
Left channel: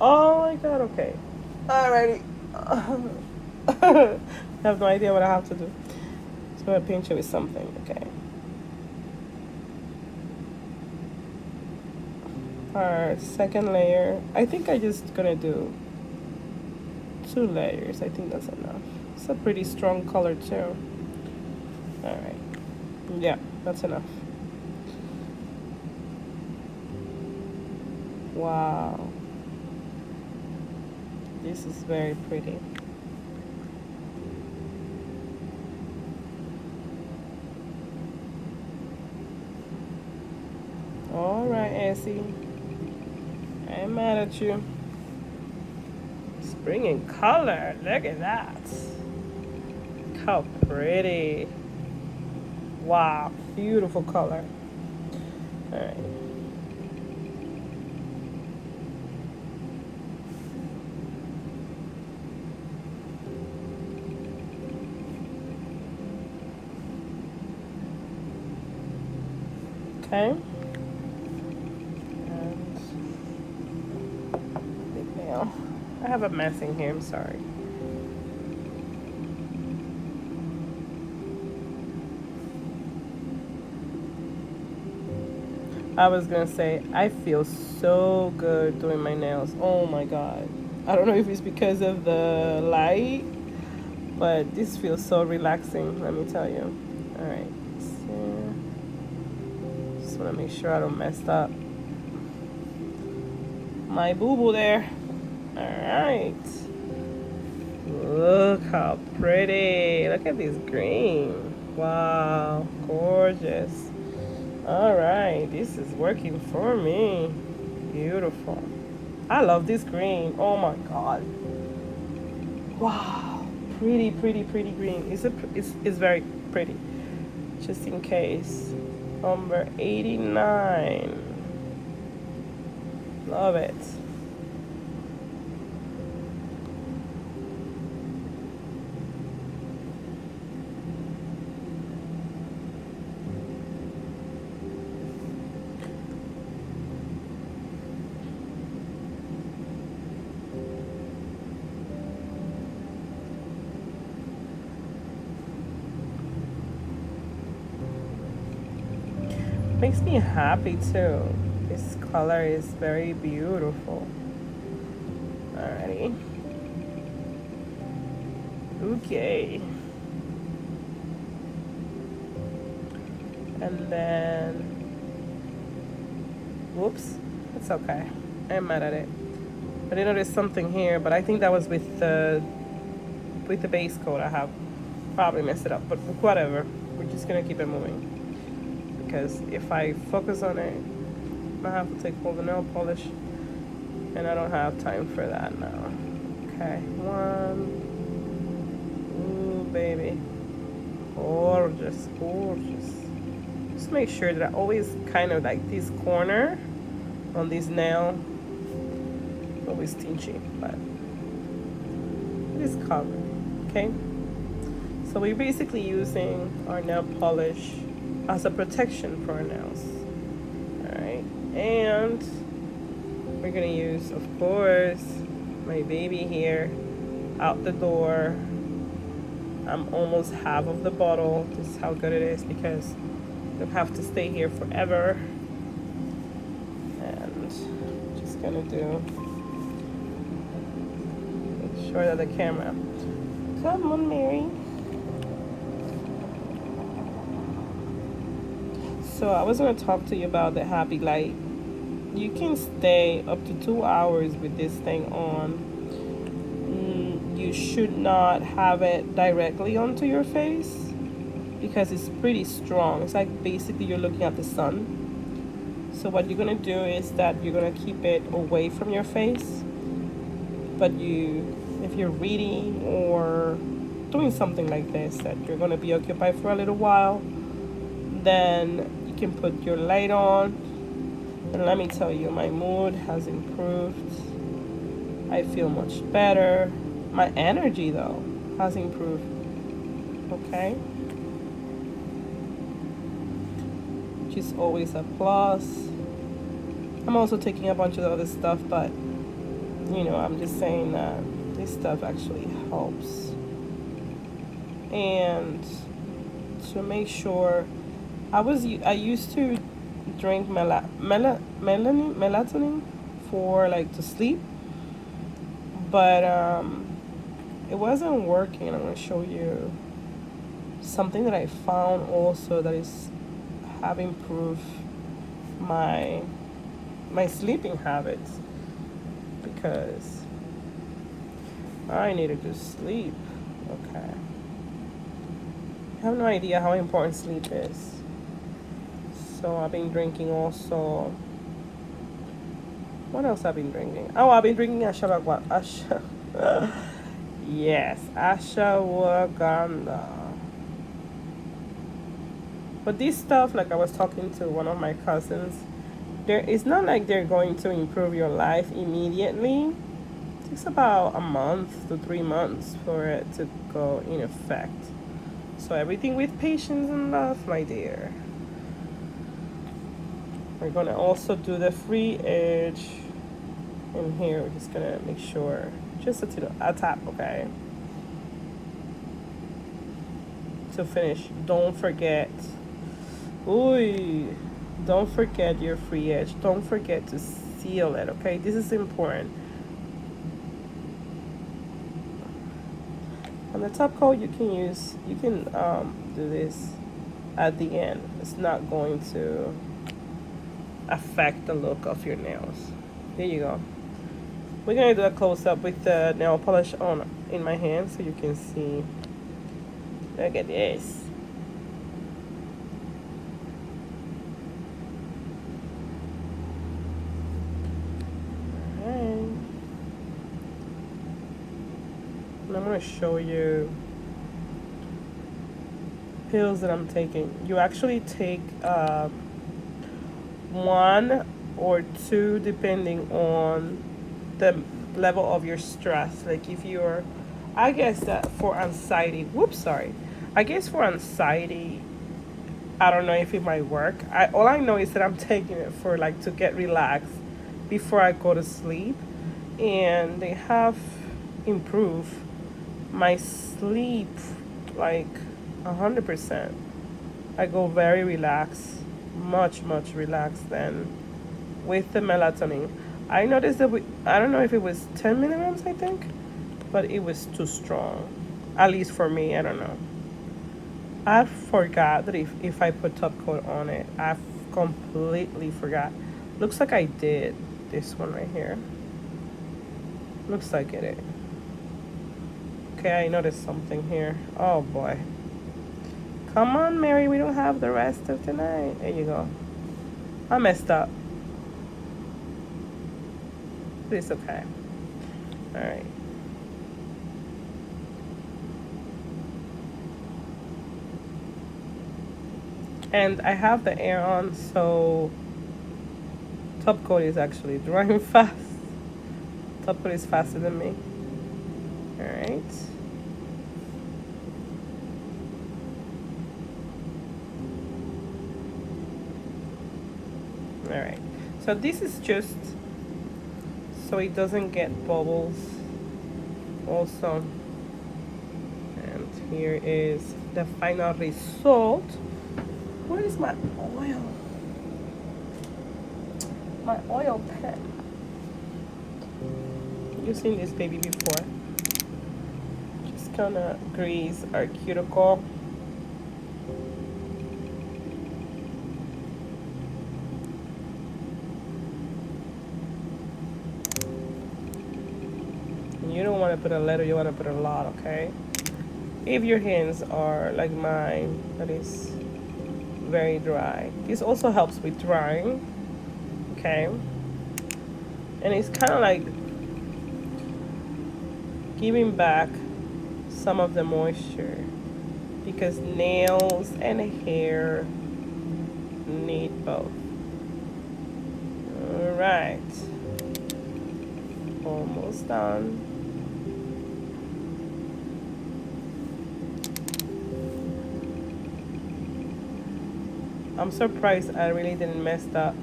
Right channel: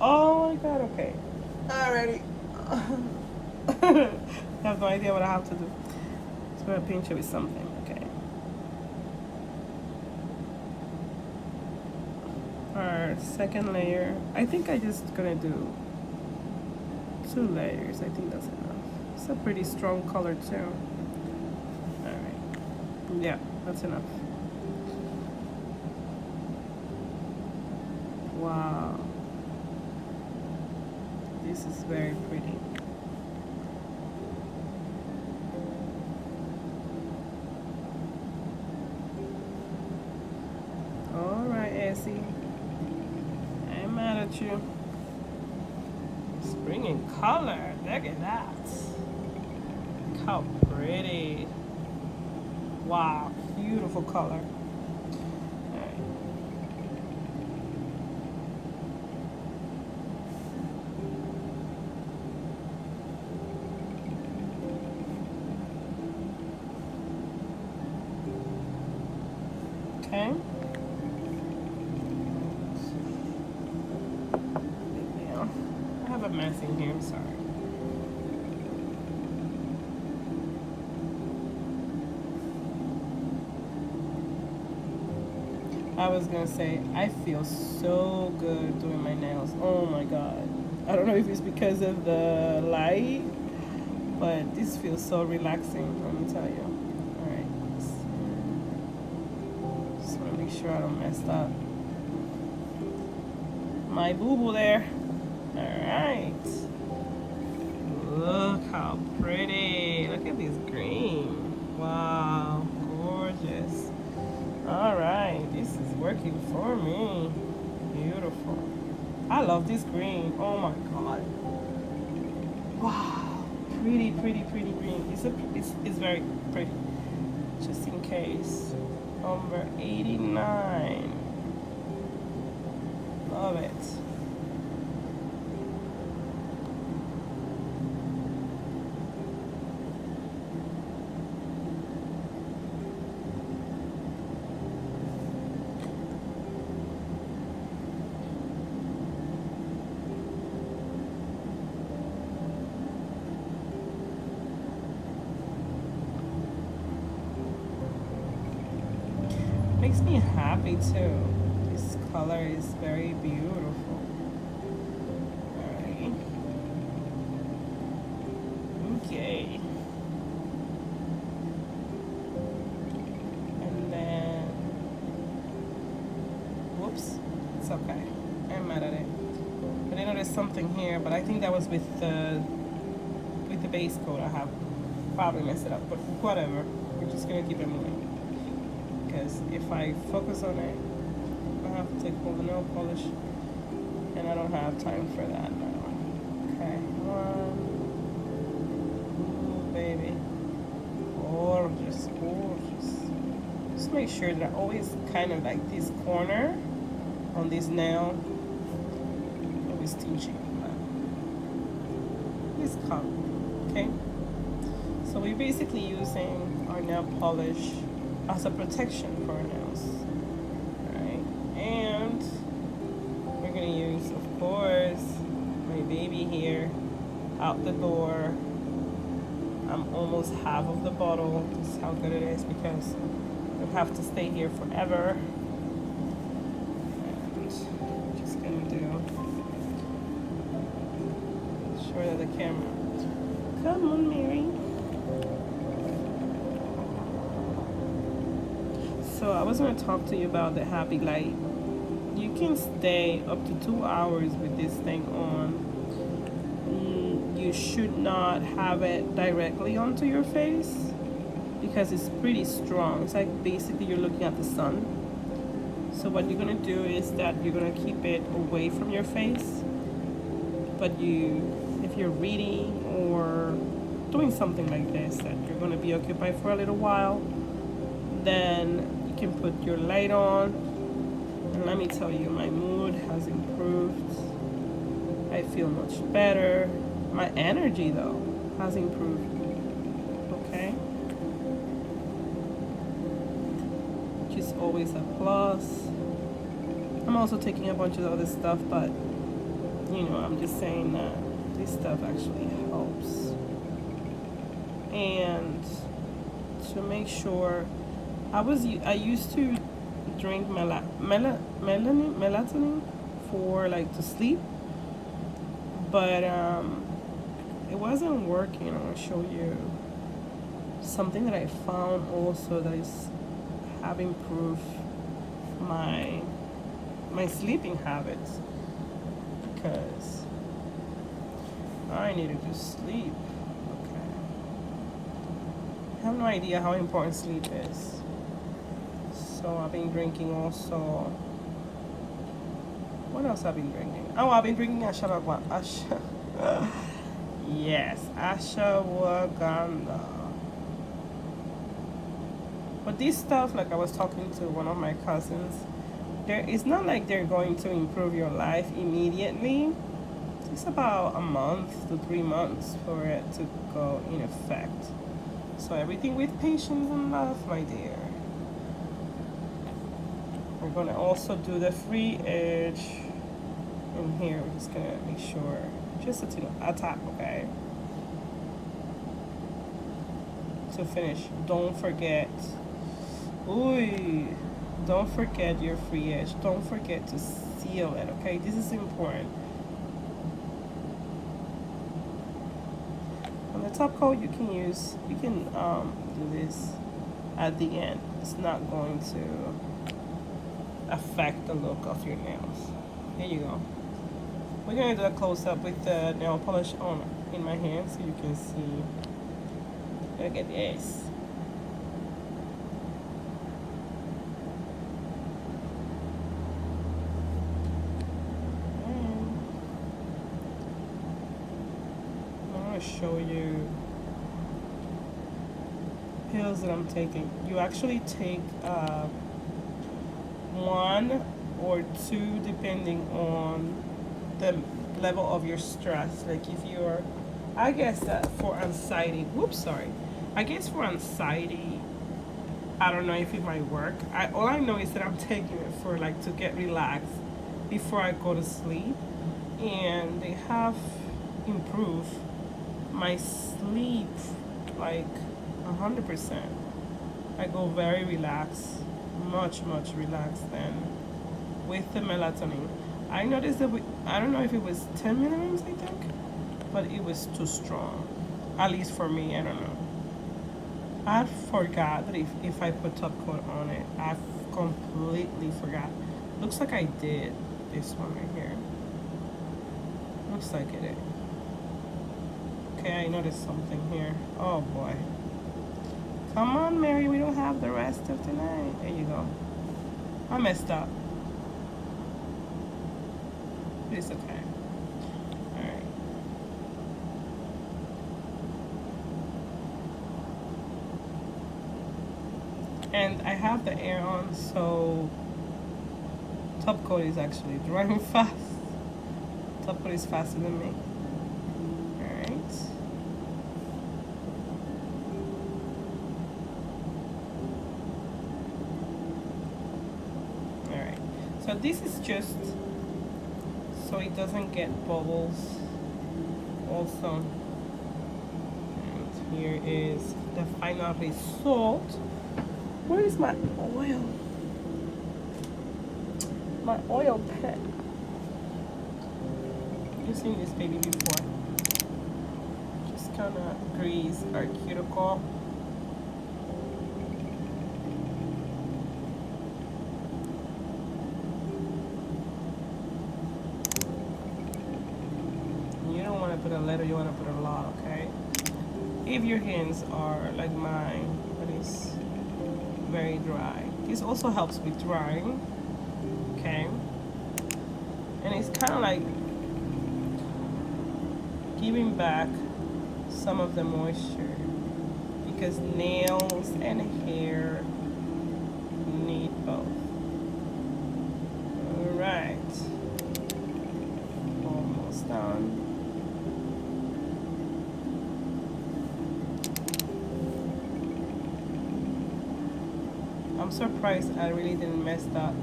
Oh my god, okay. Alrighty. I have no idea what I have to do. So I'm gonna pinch it with something, okay. Our second layer, I think I just gonna do 2 layers. I think that's enough. It's a pretty strong color too. All right, yeah, that's enough. Wow, this is very pretty. All right, Essie. I'm mad at you. It's bringing color. Look at that. Look how pretty. Wow, beautiful color. All right. Okay. I have a mess in here, I'm sorry. I was gonna say, I feel so good doing my nails. Oh my god. I don't know if it's because of the light, but this feels so relaxing, let me tell you. Alright, so just wanna make sure I don't mess up my boo-boo there. Alright. Look how pretty. Look at this green. Wow, gorgeous. Alright, this is working for me. Beautiful. I love this green. Oh my god. Wow. Pretty, pretty, pretty green. It's very pretty. Just in case. Number 89. Love it. Makes me happy too. This color is very beautiful. Alrighty. Okay. And then, whoops, it's okay. I'm mad at it. I didn't notice something here, but I think that was with the base coat. I have probably messed it up, but whatever. We're just gonna keep it moving. Because if I focus on it, I have to take all the nail polish, and I don't have time for that now. Okay, one. Ooh, baby. Gorgeous, gorgeous. Just make sure that I always kind of like this corner on this nail, always tingy, but this color, okay? So we're basically using our nail polish as a protection for our nails. Alright, and we're gonna use, of course, my baby here out the door. I'm almost half of the bottle. This is how good it is because you'll have to stay here forever. And just gonna do, make sure that the camera, come on Mary. So I was going to talk to you about the Happy Light. You can stay up to 2 hours with this thing on. You should not have it directly onto your face because it's pretty strong. It's like basically you're looking at the sun. So what you're going to do is that you're going to keep it away from your face. But if you're reading or doing something like this, that you're going to be occupied for a little while, then can put your light on, and let me tell you, my mood has improved. I feel much better. My energy though has improved. Okay, which is always a plus. I'm also taking a bunch of other stuff, but you know, I'm just saying that this stuff actually helps. And to make sure, I used to drink melatonin for like to sleep, but it wasn't working. I'm gonna show you something that I found also that have improved my sleeping habits, because I needed to sleep. Okay, I have no idea how important sleep is. So I've been drinking also. What else I've been drinking? Oh, I've been drinking yes, ashwagandha. But this stuff, like I was talking to one of my cousins, it's not like they're going to improve your life immediately. It takes about a month to 3 months for it to go in effect. So everything with patience and love, my dear. We're gonna also do the free edge in here. We're just gonna make sure, just a tap, okay? To finish, don't forget. Ooh, don't forget your free edge. Don't forget to seal it, okay? This is important. On the top coat, you can do this at the end. It's not going to affect the look of your nails. Here you go. We're gonna do a close-up with the nail polish on in my hand so you can see. Look at this. Alright. want to show you pills that I'm taking. You actually take one or two depending on the level of your stress. Like if you're, I guess that for anxiety, whoops, sorry. I guess for anxiety, I don't know if it might work. All I know is that I'm taking it for like to get relaxed before I go to sleep, and they have improved my sleep like 100%. I go very relaxed, much relaxed than with the melatonin. I noticed that I don't know if it was 10 milligrams, I think, but it was too strong, at least for me. I don't know. I forgot that if I put top coat on it. I completely forgot. Looks like I did this one right here. Looks like it is. Okay, I noticed something here. Oh boy. Come on, Mary, we don't have the rest of tonight. There you go. I messed up. But it's okay. Alright. And I have the air on, so top coat is actually drying fast. Top coat is faster than me. Alright. Alright. So this is just so it doesn't get bubbles also. And here is the final result. Where is my oil? My oil pen. You've seen this baby before. Just gonna grease our cuticle. You don't want to put a little, you want to put a lot, okay? If your hands are like mine, that is very dry. This also helps with drying, okay? And it's kind of like giving back some of the moisture because nails and hair need both. All right, almost done. I'm surprised I really didn't mess up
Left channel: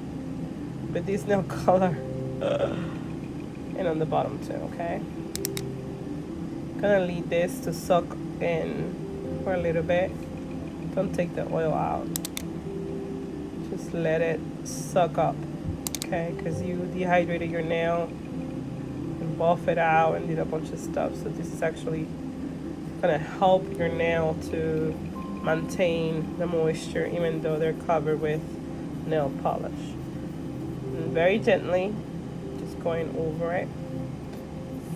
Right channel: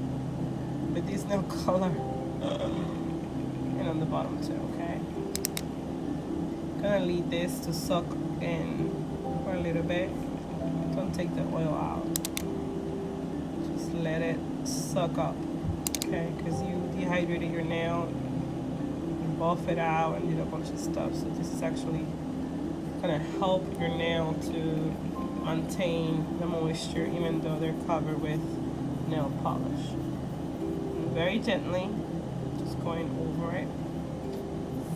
with this nail color and on the bottom too, okay? Gonna leave this to soak in for a little bit. Don't take the oil out. Just let it suck up, okay? Because you dehydrated your nail, you buff it out and did a bunch of stuff. So this is actually gonna help your nail to maintain the moisture even though they're covered with nail polish. And very gently, just going over it.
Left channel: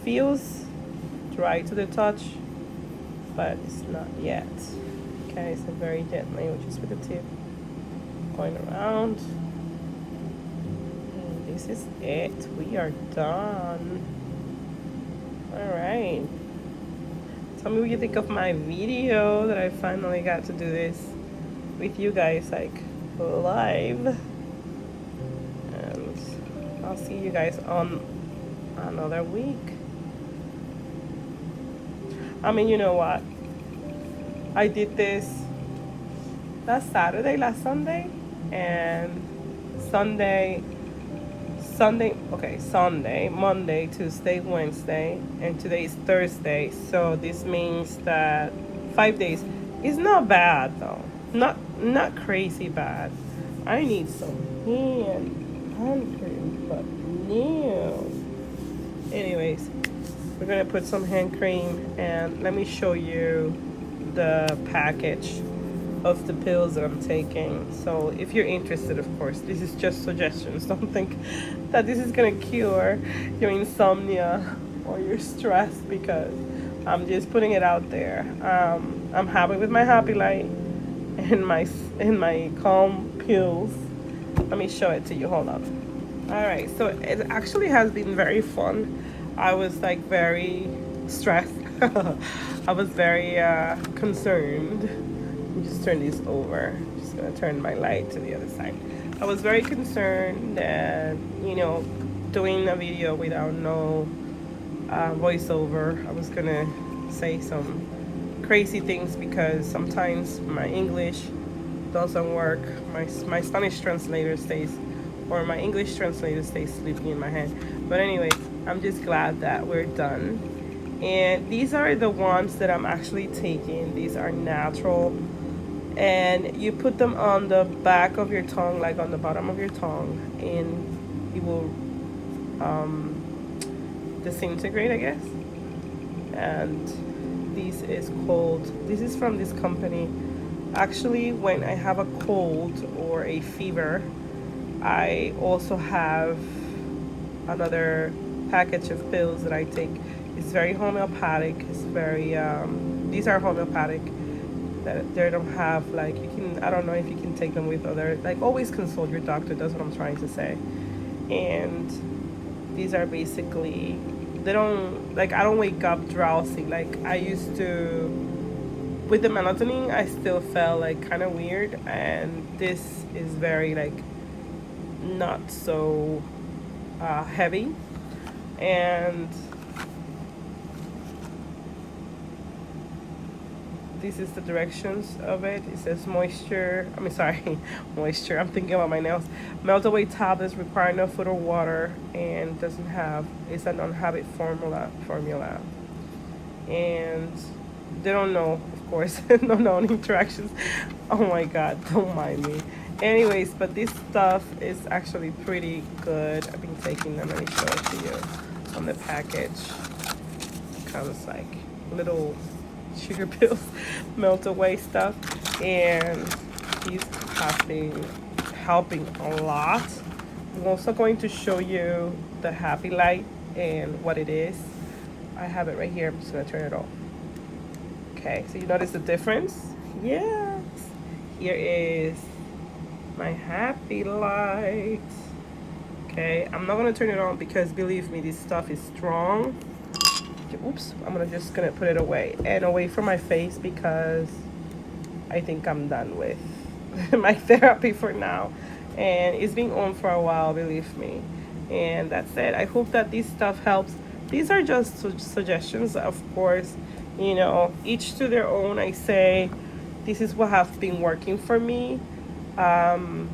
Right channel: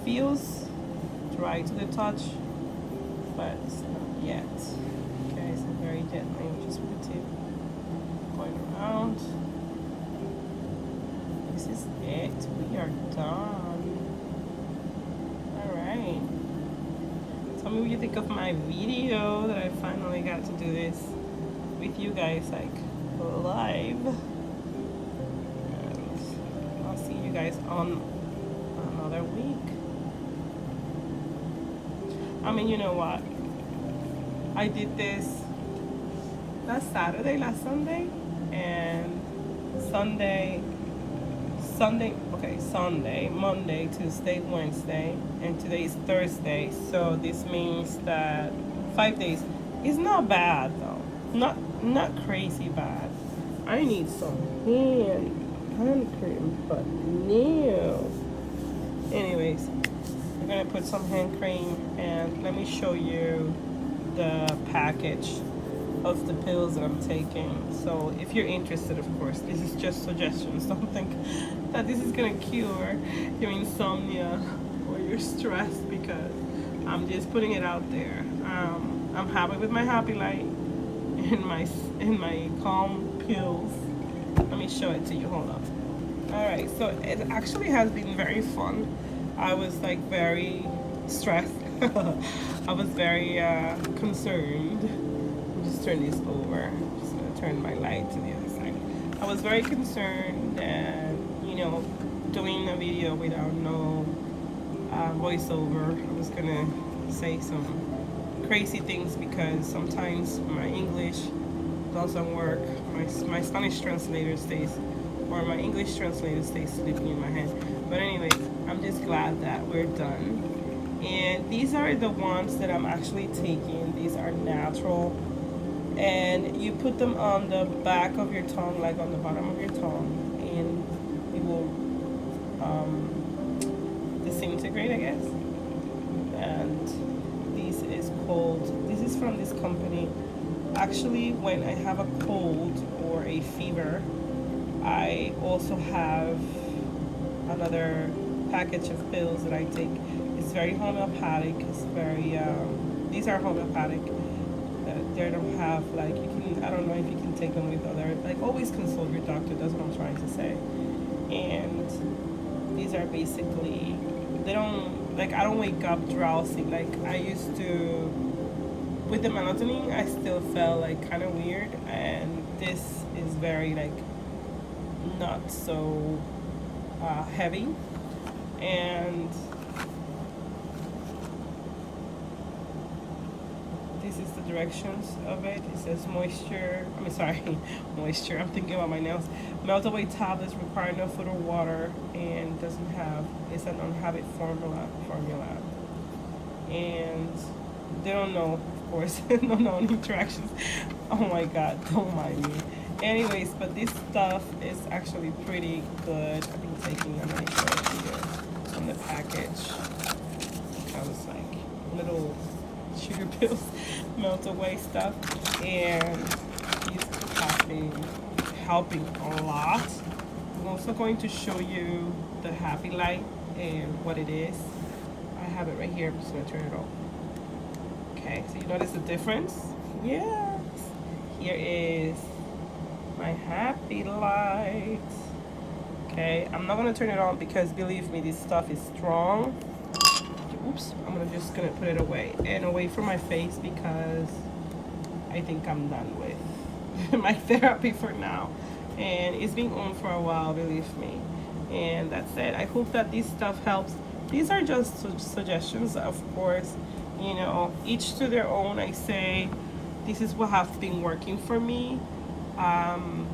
Feels dry to the touch, but it's not yet. Okay, so very gently, just with the tip, going around. And this is it. We are done. All right. Tell me what you think of my video that I finally got to do this with you guys like live. And I'll see you guys on another week. I mean, you know what? I did this last Saturday, last Sunday, and Sunday, Monday, Tuesday, Wednesday, and today is Thursday. So this means that 5 days is not bad though. Not crazy bad. I need some hand cream, but no. Anyways, we're gonna put some hand cream and let me show you the package of the pills that I'm taking. So if you're interested, of course, this is just suggestions. Don't think that this is gonna cure your insomnia or your stress because I'm just putting it out there. I'm happy with my Happy Light and my Calm pills. Let me show it to you. Hold on. All right, so it actually has been very fun. I was like very stressed I was very concerned. Let me just turn this over. Just gonna turn my light to the other side. I was very concerned that, you know, doing a video without no voiceover, I was gonna say some crazy things because sometimes my English doesn't work. My Spanish translator stays, or my English translator stays sleeping in my head. But anyway, I'm just glad that we're done. And these are the ones that I'm actually taking. These are natural. And you put them on the back of your tongue, like on the bottom of your tongue, and it will disintegrate, I guess. And this is from this company. Actually, when I have a cold or a fever, I also have another package of pills that I take. It's very homeopathic. It's very these are homeopathic. That they don't have, like, you can, I don't know if you can take them with other, like, always consult your doctor. That's what I'm trying to say. And these are basically, they don't, like, I don't wake up drowsy like I used to. With the melatonin, I still felt like kind of weird, and this is very, like, not so heavy. And this is the directions of it. It says moisture, I mean, sorry, moisture, I'm thinking about my nails. Melt away tablets require no food or water, and doesn't have, it's a non-habit formula. And they don't know, of course, no known interactions. Oh my god, don't mind me. Anyways, but this stuff is actually pretty good. I've been taking them. Let me show it to you on the package. It comes like little sugar pills, melt away stuff, and these have been helping a lot. I'm also going to show you the happy light and what it is. I have it right here. I'm just gonna turn it off. Okay, so you notice the difference? Yes. Here is my happy light. Okay, I'm not gonna turn it on because, believe me, this stuff is strong. Oops, I'm just gonna put it away and away from my face because I think I'm done with my therapy for now. And it's been on for a while, believe me. And that's it. I hope that this stuff helps. These are just suggestions, of course. You know, each to their own. I say this is what have been working for me. And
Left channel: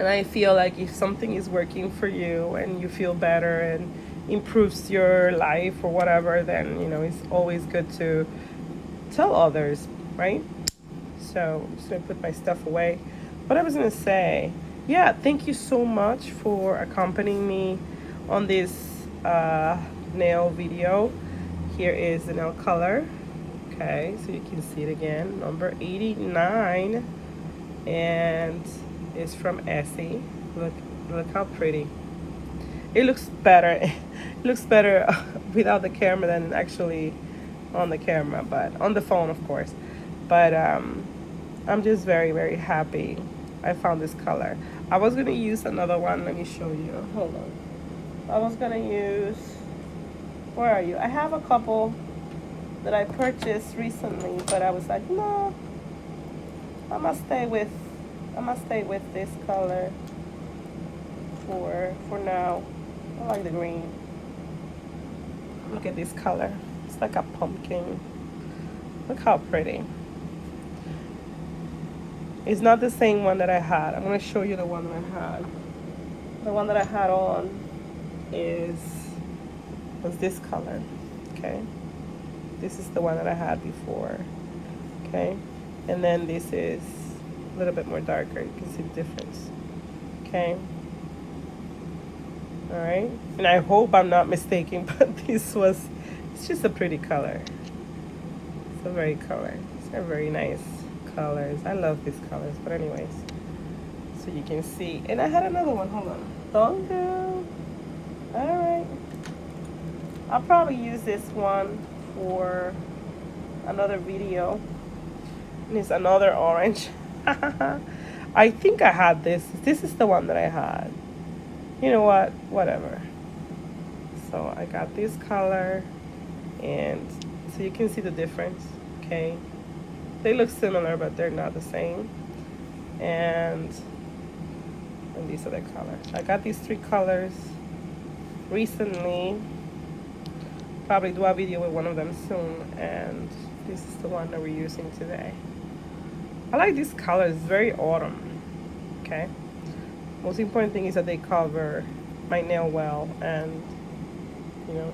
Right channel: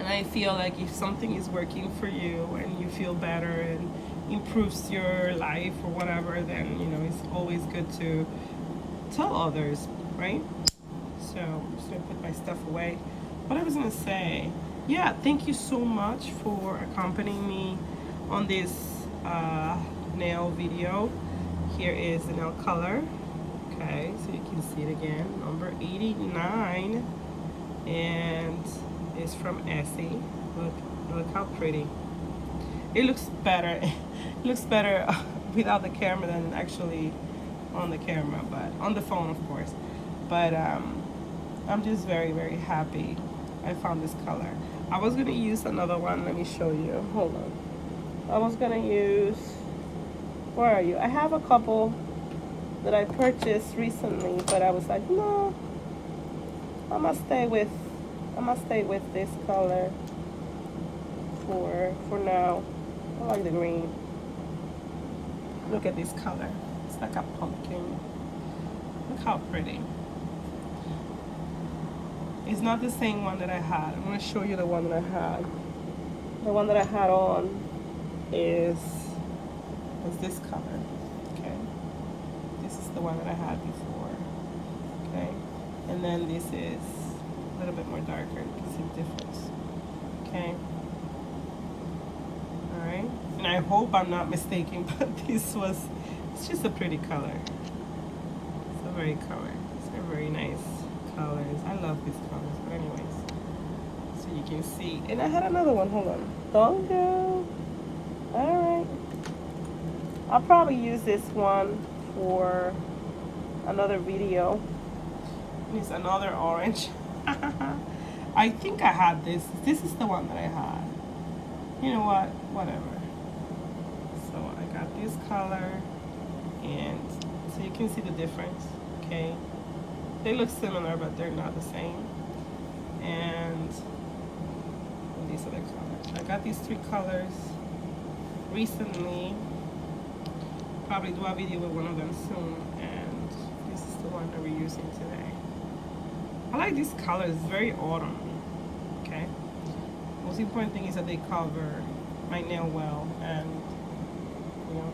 I feel like if something is working for you and you feel better and improves your life or whatever, then, you know, it's always good to tell others, right? So I'm just gonna put my stuff away. What I was gonna say, yeah, thank you so much for accompanying me on this nail video. Here is the nail color. Okay, so you can see it again, number 89, and it's from Essie. Look how pretty. It looks better. It looks better without the camera than actually on the camera, but on the phone, of course. But I'm just very, very happy I found this color. I was gonna use another one. Let me show you. Hold on. I was gonna use, where are you? I have a couple that I purchased recently, but I was like, no, I must stay with this color for now. I like the green. Look at this color. It's like a pumpkin. Look how pretty. It's not the same one that I had. I'm gonna show you the one that I had. The one that I had on was this color. Okay, this is the one that I had before. Okay, and then this is a little bit more darker. You can see the difference. Okay, all right, and I hope I'm not mistaken, but it's just a pretty color. It's a very color. It's a very nice colors. I love these colors. But anyways, so you can see, and I had another one. Hold on, don't go. All right, I'll probably use this one for another video. And it's another orange. I think I had this. This is the one that I had. You know what? Whatever. So I got this color, and So you can see the difference. Okay, they look similar, but they're not the same. And these are the colors. I got these 3 colors recently. Probably do a video with one of them soon, and this is the one that we're using today. I like these colors, very autumn. Okay, most important thing is that they cover my nail well, and you know,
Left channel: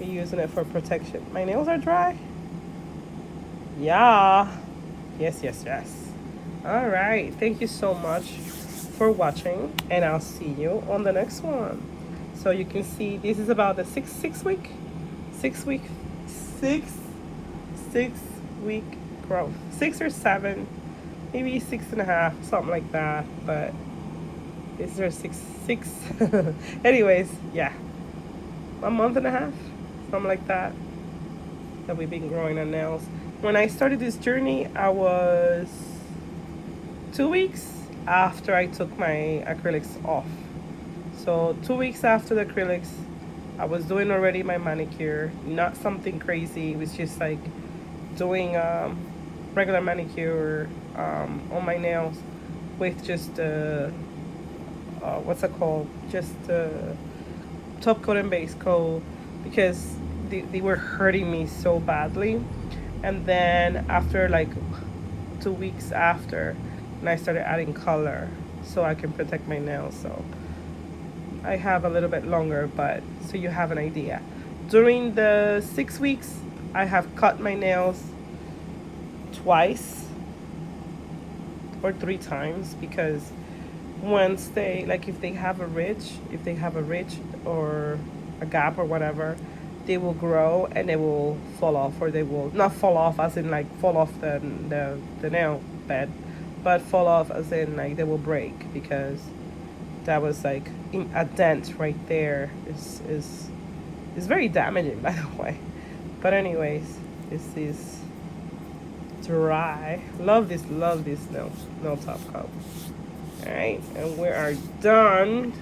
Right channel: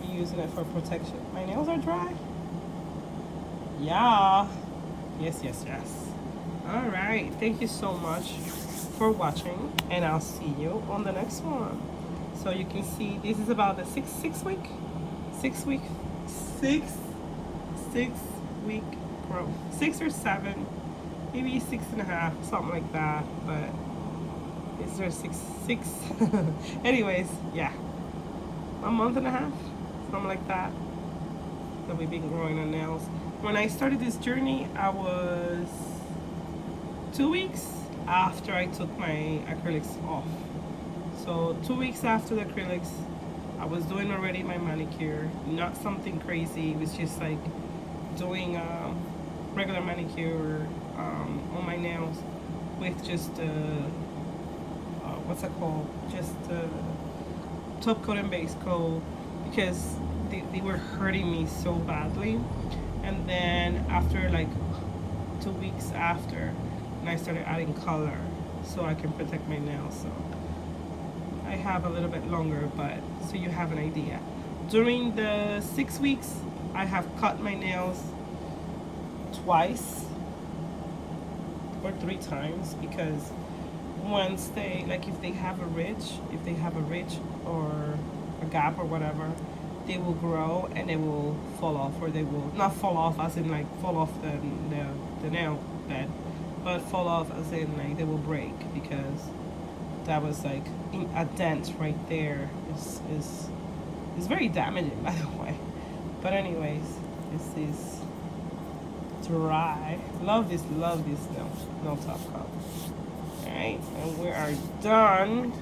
we're using it for protection. My nails are dry. Yeah, yes, yes, yes. All right, thank you so much for watching, and I'll see you on the next one. So you can see this is about the six week growth, 6 or 7, maybe 6.5, something like that. But these are six. Anyways, yeah, a month and a half, something like that we've been growing our nails. When I started this journey, I was 2 weeks after I took my acrylics off. So 2 weeks after the acrylics, I was doing already my manicure. Not something crazy. It was just like doing regular manicure on my nails with just what's it called? Just top coat and base coat, because they were hurting me so badly. And then after like 2 weeks after, and I started adding color so I can protect my nails. So I have a little bit longer, but so you have an idea. During the 6 weeks, I have cut my nails twice or 3 times, because once they, like, if they have a ridge or a gap or whatever, they will grow and they will fall off, or they will not fall off as in like fall off the nail bed, but fall off as in like they will break, because that was like a dent right there. Is very damaging, by the way. But anyways, this is dry. Love this nail top coat. All right, and we are done.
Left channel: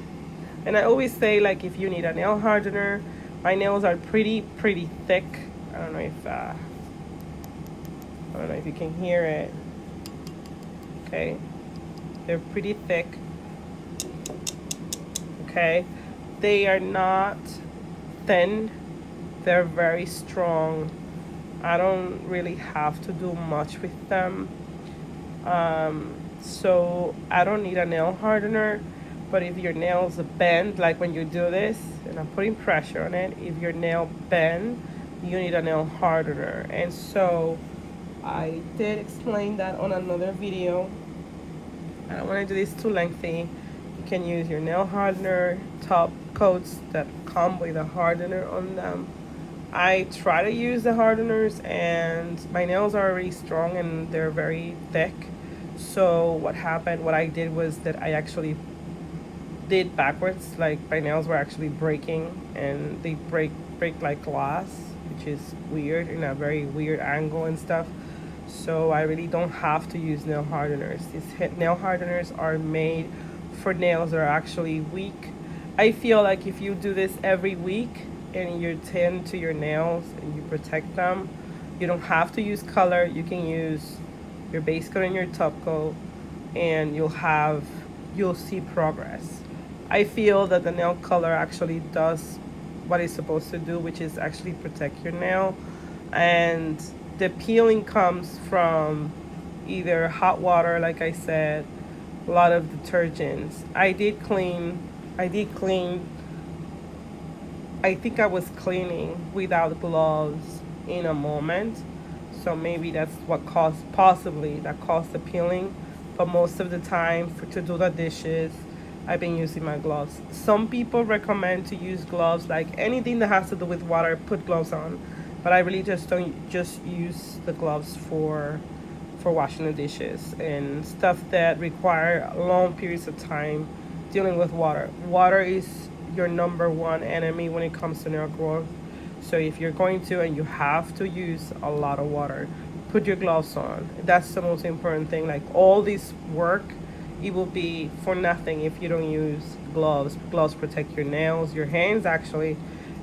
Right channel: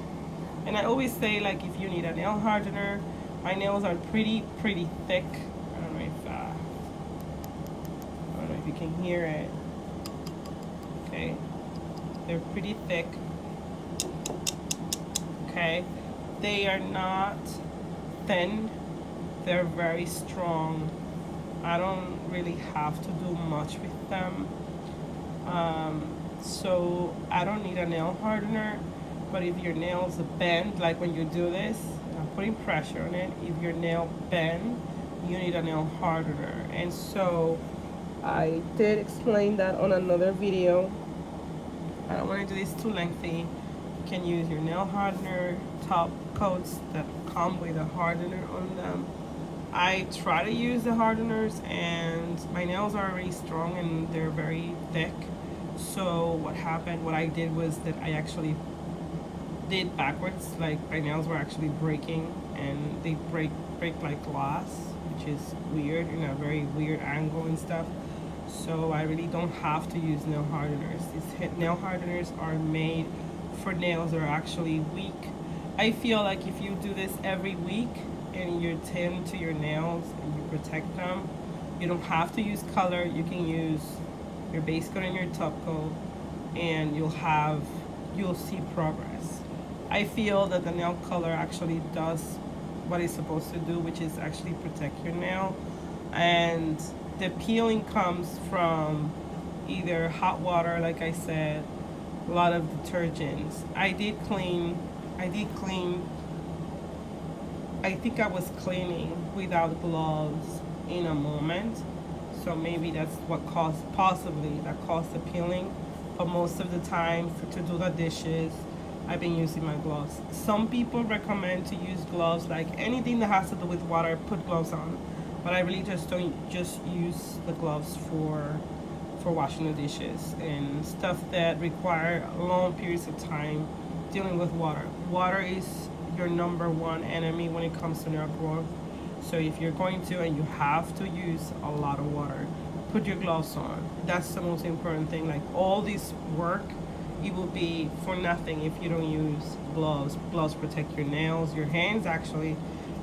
And I always say, like, if you need a nail hardener, my nails are pretty thick. I don't know if you can hear it. Okay, they're pretty thick. Okay, they are not thin, they're very strong. I don't really have to do much with them, so I don't need a nail hardener. But if your nails bend, like when you do this and I'm putting pressure on it, if your nail bend, you need a nail hardener. And so I did explain that on another video. I don't want to do this too lengthy. You can use your nail hardener top coats that come with a hardener on them. I try to use the hardeners, and my nails are already strong and they're very thick. So what I did was that I actually did backwards. Like, my nails were actually breaking, and they break like glass, which is weird, in a very weird angle and stuff. So I really don't have to use nail hardeners. These nail hardeners are made for nails that are actually weak. I feel like if you do this every week and you tend to your nails and you protect them, you don't have to use color. You can use your base coat and your top coat, and you'll see progress. I feel that the nail color actually does what it's supposed to do, which is actually protect your nail. And the peeling comes from either hot water, like I said, a lot of detergents. I did clean. I think I was cleaning without gloves in a moment. So maybe that's what possibly caused the peeling. But most of the time, to do the dishes, I've been using my gloves. Some people recommend to use gloves, like anything that has to do with water, put gloves on. But I really just don't use the gloves for washing the dishes and stuff that require long periods of time dealing with water. Water is your #1 enemy when it comes to nail growth. So if you're going to, and you have to use a lot of water, put your gloves on. That's the most important thing. Like, all this work, it will be for nothing if you don't use gloves. Gloves protect your nails, your hands actually,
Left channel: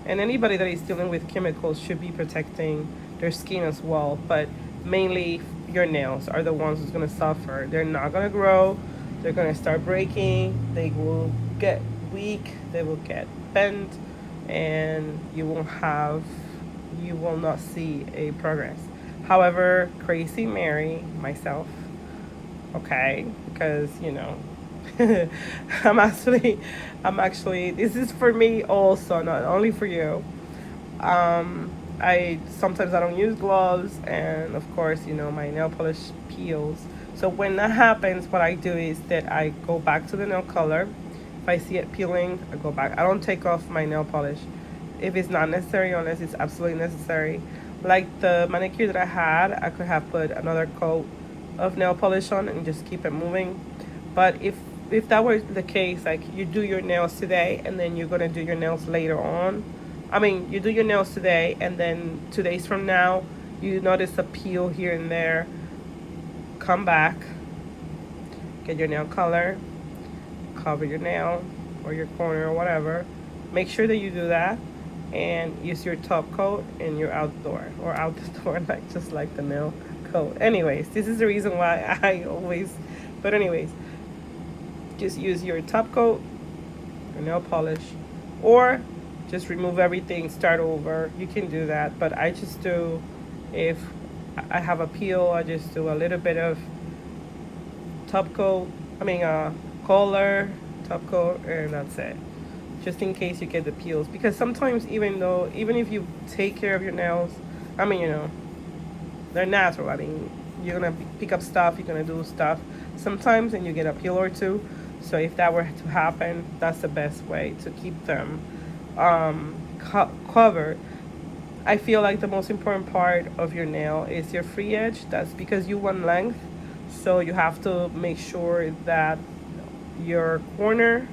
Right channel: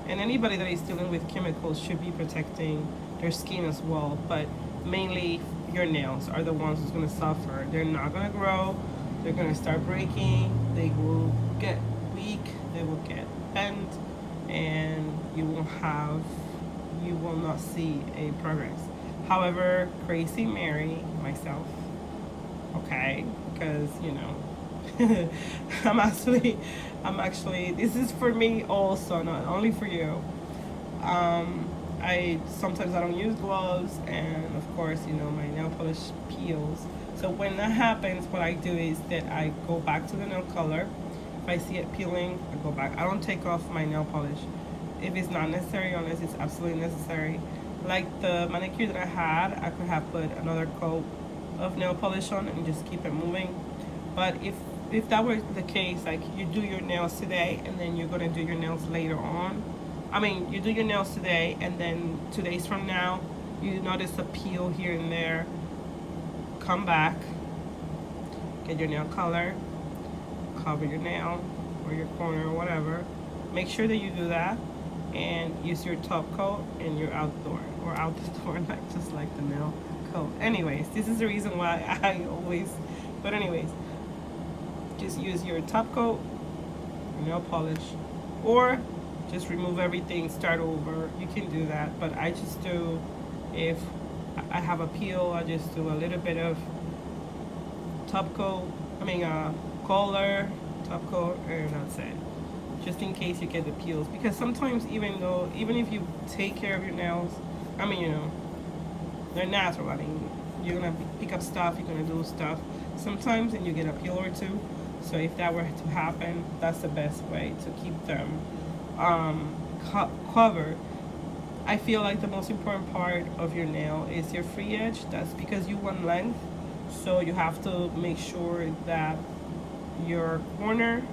And anybody that is dealing with chemicals should be protecting their skin as well. But mainly your nails are the ones who's going to suffer. They're not going to grow. They're going to start breaking. They will get weak. They will get bent. And you will not see a progress. However, Crazy Mary, myself, okay, because I'm actually, this is for me also, not only for you. I sometimes I don't use gloves, and of course, my nail polish peels. So when that happens, what I do is that I go back to the nail color. If I see it peeling, I go back. I don't take off my nail polish if it's not necessary, unless it's absolutely necessary. Like the manicure that I had, I could have put another coat of nail polish on and just keep it moving. But if that were the case, like you do your nails today and then you're gonna do your nails later on. I mean, you do your nails today and then 2 days from now, you notice a peel here and there. Come back, get your nail color, cover your nail or your corner or whatever. Make sure that you do that and use your top coat and your outdoor or out the door, like just like the nail coat. Anyways, this is the reason why I always, but anyways, just use your top coat, your nail polish, or just remove everything, start over. You can do that, but I just do, if I have a peel, I just do a little bit of top coat, color, top coat, and that's it. Just in case you get the peels, because sometimes even if you take care of your nails, they're natural. You're gonna pick up stuff, you're gonna do stuff sometimes, and you get a peel or two. So if that were to happen, that's the best way to keep them covered. I feel like the most important part of your nail is your free edge. That's because you want length, so you have to make sure that your corners,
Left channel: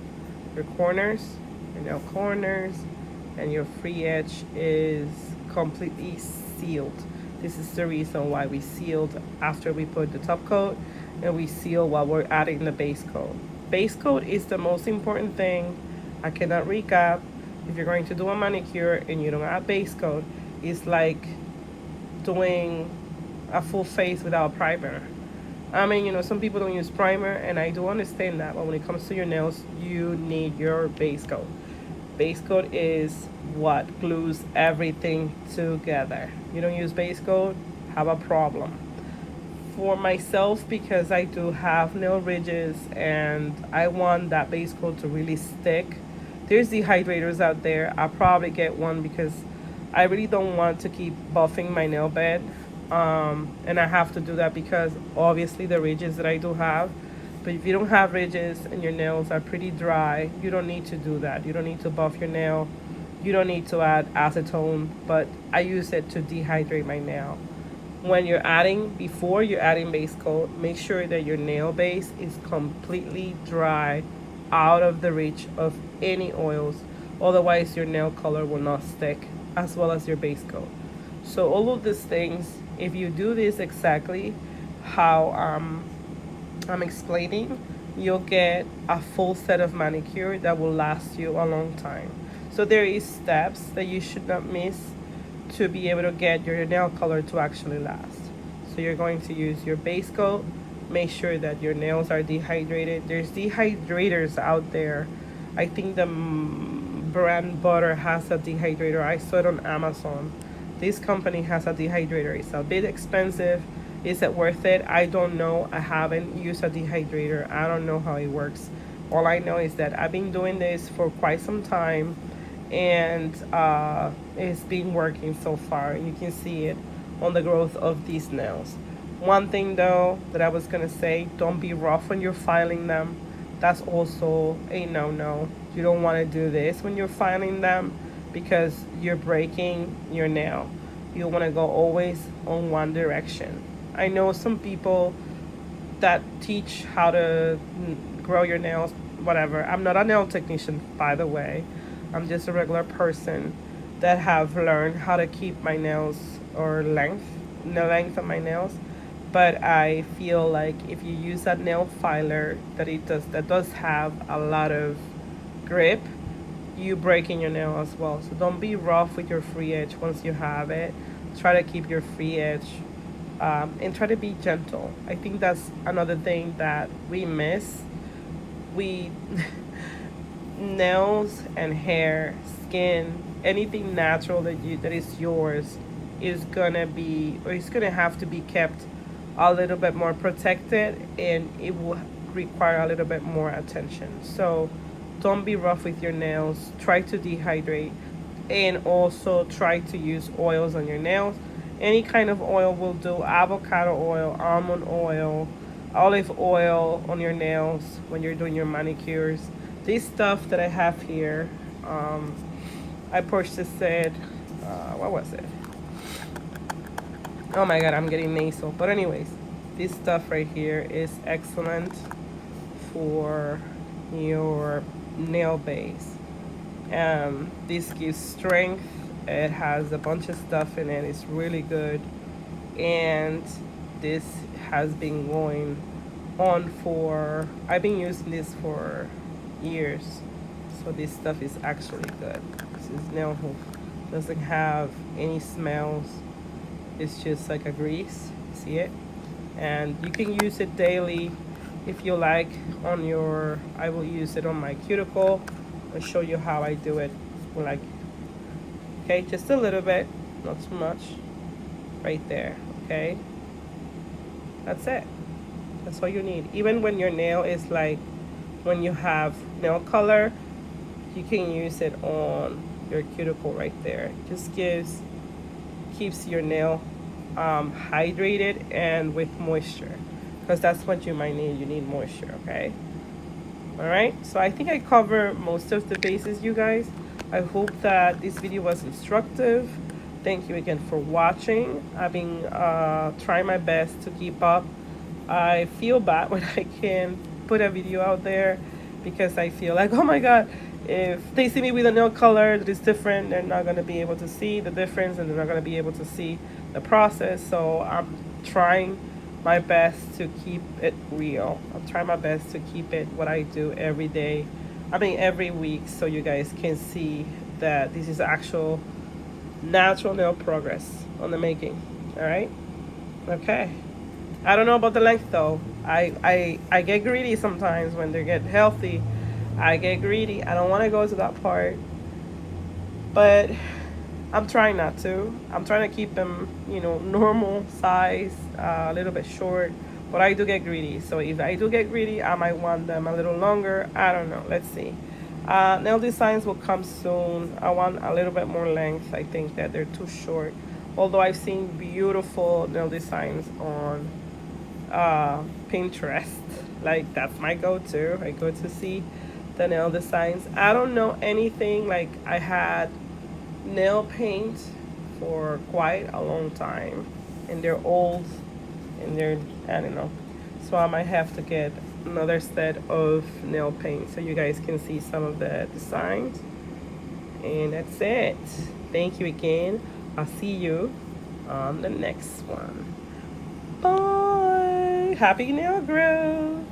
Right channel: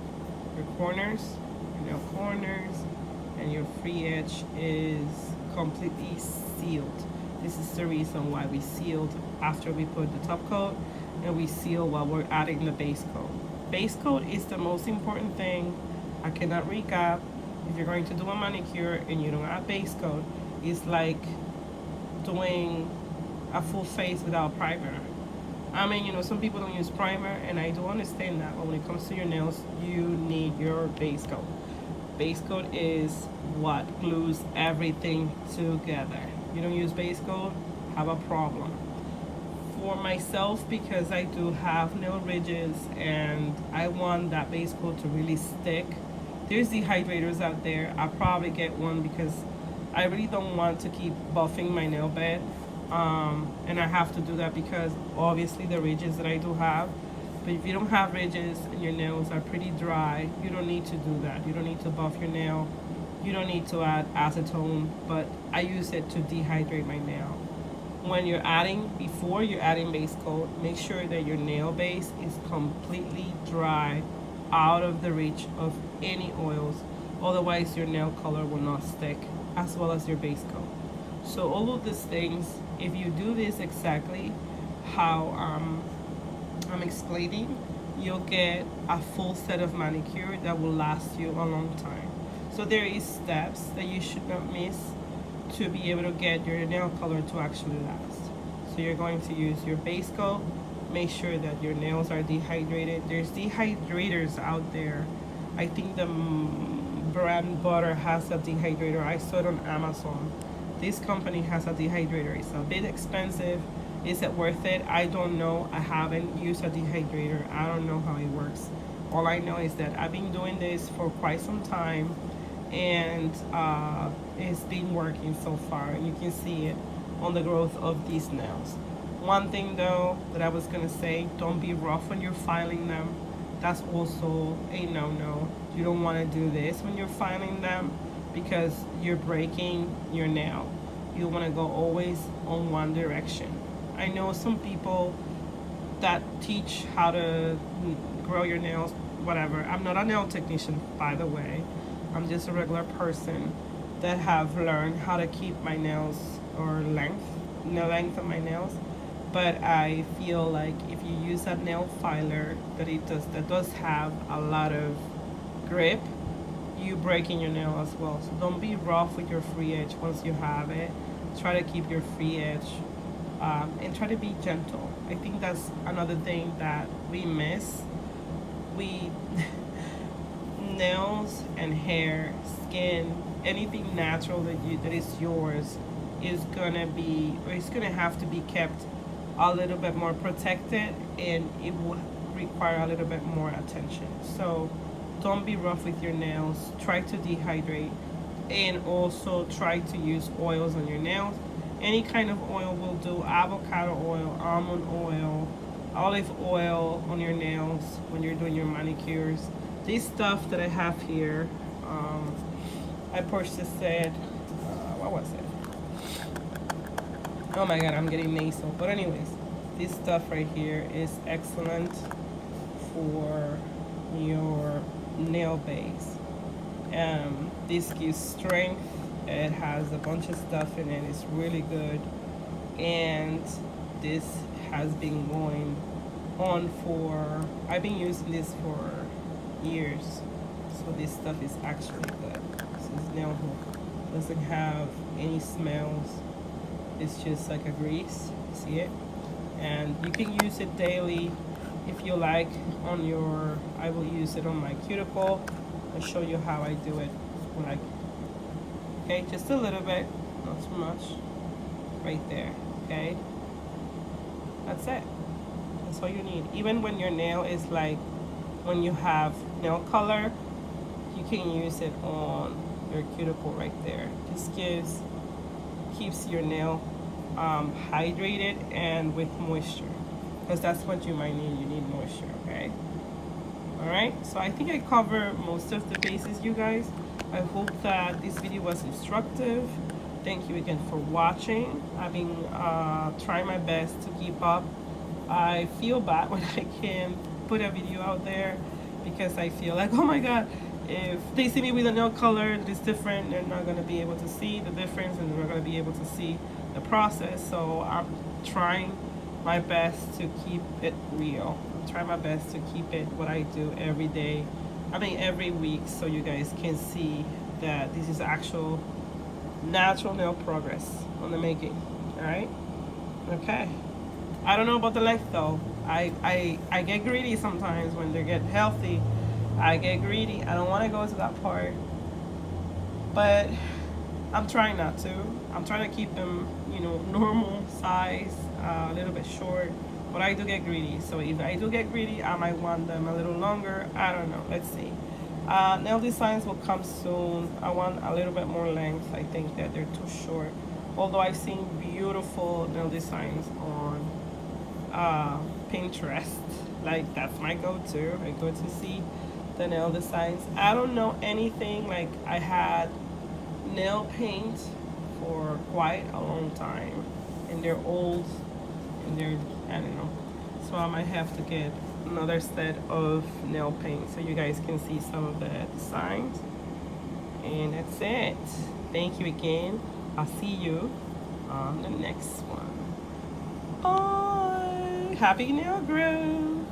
your nail corners, and your free edge is completely sealed. This is the reason why we sealed after we put the top coat, and we seal while we're adding the base coat. Base coat is the most important thing. I cannot recap. If you're going to do a manicure and you don't add base coat, it's like doing a full face without a primer. Some people don't use primer, and I do understand that, but when it comes to your nails, you need your base coat. Base coat is what glues everything together. You don't use base coat, have a problem. For myself, because I do have nail ridges and I want that base coat to really stick, there's dehydrators out there. I'll probably get one because I really don't want to keep buffing my nail bed. And I have to do that because obviously the ridges that I do have. But if you don't have ridges and your nails are pretty dry, you don't need to do that. You don't need to buff your nail. You don't need to add acetone, but I use it to dehydrate my nail. Before you're adding base coat, make sure that your nail base is completely dry, out of the reach of any oils. Otherwise, your nail color will not stick, as well as your base coat. So all of these things, if you do this exactly how I'm explaining, you'll get a full set of manicure that will last you a long time. So there is steps that you should not miss to be able to get your nail color to actually last. So you're going to use your base coat. Make sure that your nails are dehydrated. There's dehydrators out there. I think the brand Butter has a dehydrator. I saw it on Amazon. This company has a dehydrator. It's a bit expensive. Is it worth it? I don't know. I haven't used a dehydrator. I don't know how it works. All I know is that I've been doing this for quite some time, and it's been working so far. You can see it on the growth of these nails. One thing though that I was gonna say, don't be rough when you're filing them. That's also a no-no. You don't want to do this when you're filing them because you're breaking your nail. You want to go always on one direction. I know some people that teach how to grow your nails, whatever. I'm not a nail technician, by the way. I'm just a regular person that have learned how to keep my nails or the length of my nails. But I feel like if you use a nail filer that does have a lot of grip, you breaking your nail as well. So don't be rough with your free edge once you have it. Try to keep your free edge, and try to be gentle. I think that's another thing that we miss. We nails and hair, skin, anything natural that is yours is gonna be, or it's gonna have to be kept a little bit more protected, and it will require a little bit more attention. So don't be rough with your nails. Try to dehydrate, and also try to use oils on your nails. Any kind of oil will do. Avocado oil, almond oil, olive oil on your nails when you're doing your manicures. This stuff that I have here, I purchased it, what was it? Oh my god, I'm getting nasal. But anyways, this stuff right here is excellent for your nail base. This gives strength. It has a bunch of stuff in it. It's really good. And this has been going on for, I've been using this for years. So this stuff is actually good. This is nail hook. Doesn't have any smells. It's just like a grease. See it? And you can use it daily if you like on your, I will use it on my cuticle. I'll show you how I do it. Like, okay, just a little bit, not too much. Right there, okay? That's it. That's all you need. Even when your nail is like, when you have nail color, you can use it on your cuticle right there. Just keeps your nail hydrated and with moisture, because that's what you might need. You need moisture, okay? All right, so I think I cover most of the bases, you guys. I hope that this video was instructive. Thank you again for watching. I've been trying my best to keep up. I feel bad when I can put a video out there, because I feel like, oh my god, if they see me with a nail color that is different, they're not going to be able to see the difference, and they're not going to be able to see the process. So I'm trying my best to keep it real. I'm trying my best to keep it what I do every day. I mean every week, so you guys can see that this is actual natural nail progress on the making. All right, okay. I don't know about the length though. I get greedy sometimes when they get healthy. I get greedy. I don't want to go to that part, but I'm trying not to. I'm trying to keep them, you know, normal size, a little bit short, but I do get greedy. So if I do get greedy, I might want them a little longer. I don't know. Let's see. Nail designs will come soon. I want a little bit more length. I think that they're too short. Although I've seen beautiful nail designs on Pinterest. Like, that's my go-to. I go to see the nail designs. I don't know anything. Like, I had nail paint for quite a long time, and they're old, and they're, I don't know, so I might have to get another set of nail paint so you guys can see some of the designs. And that's it. Thank you again. I'll see you on the next one. Bye. Happy nail growth.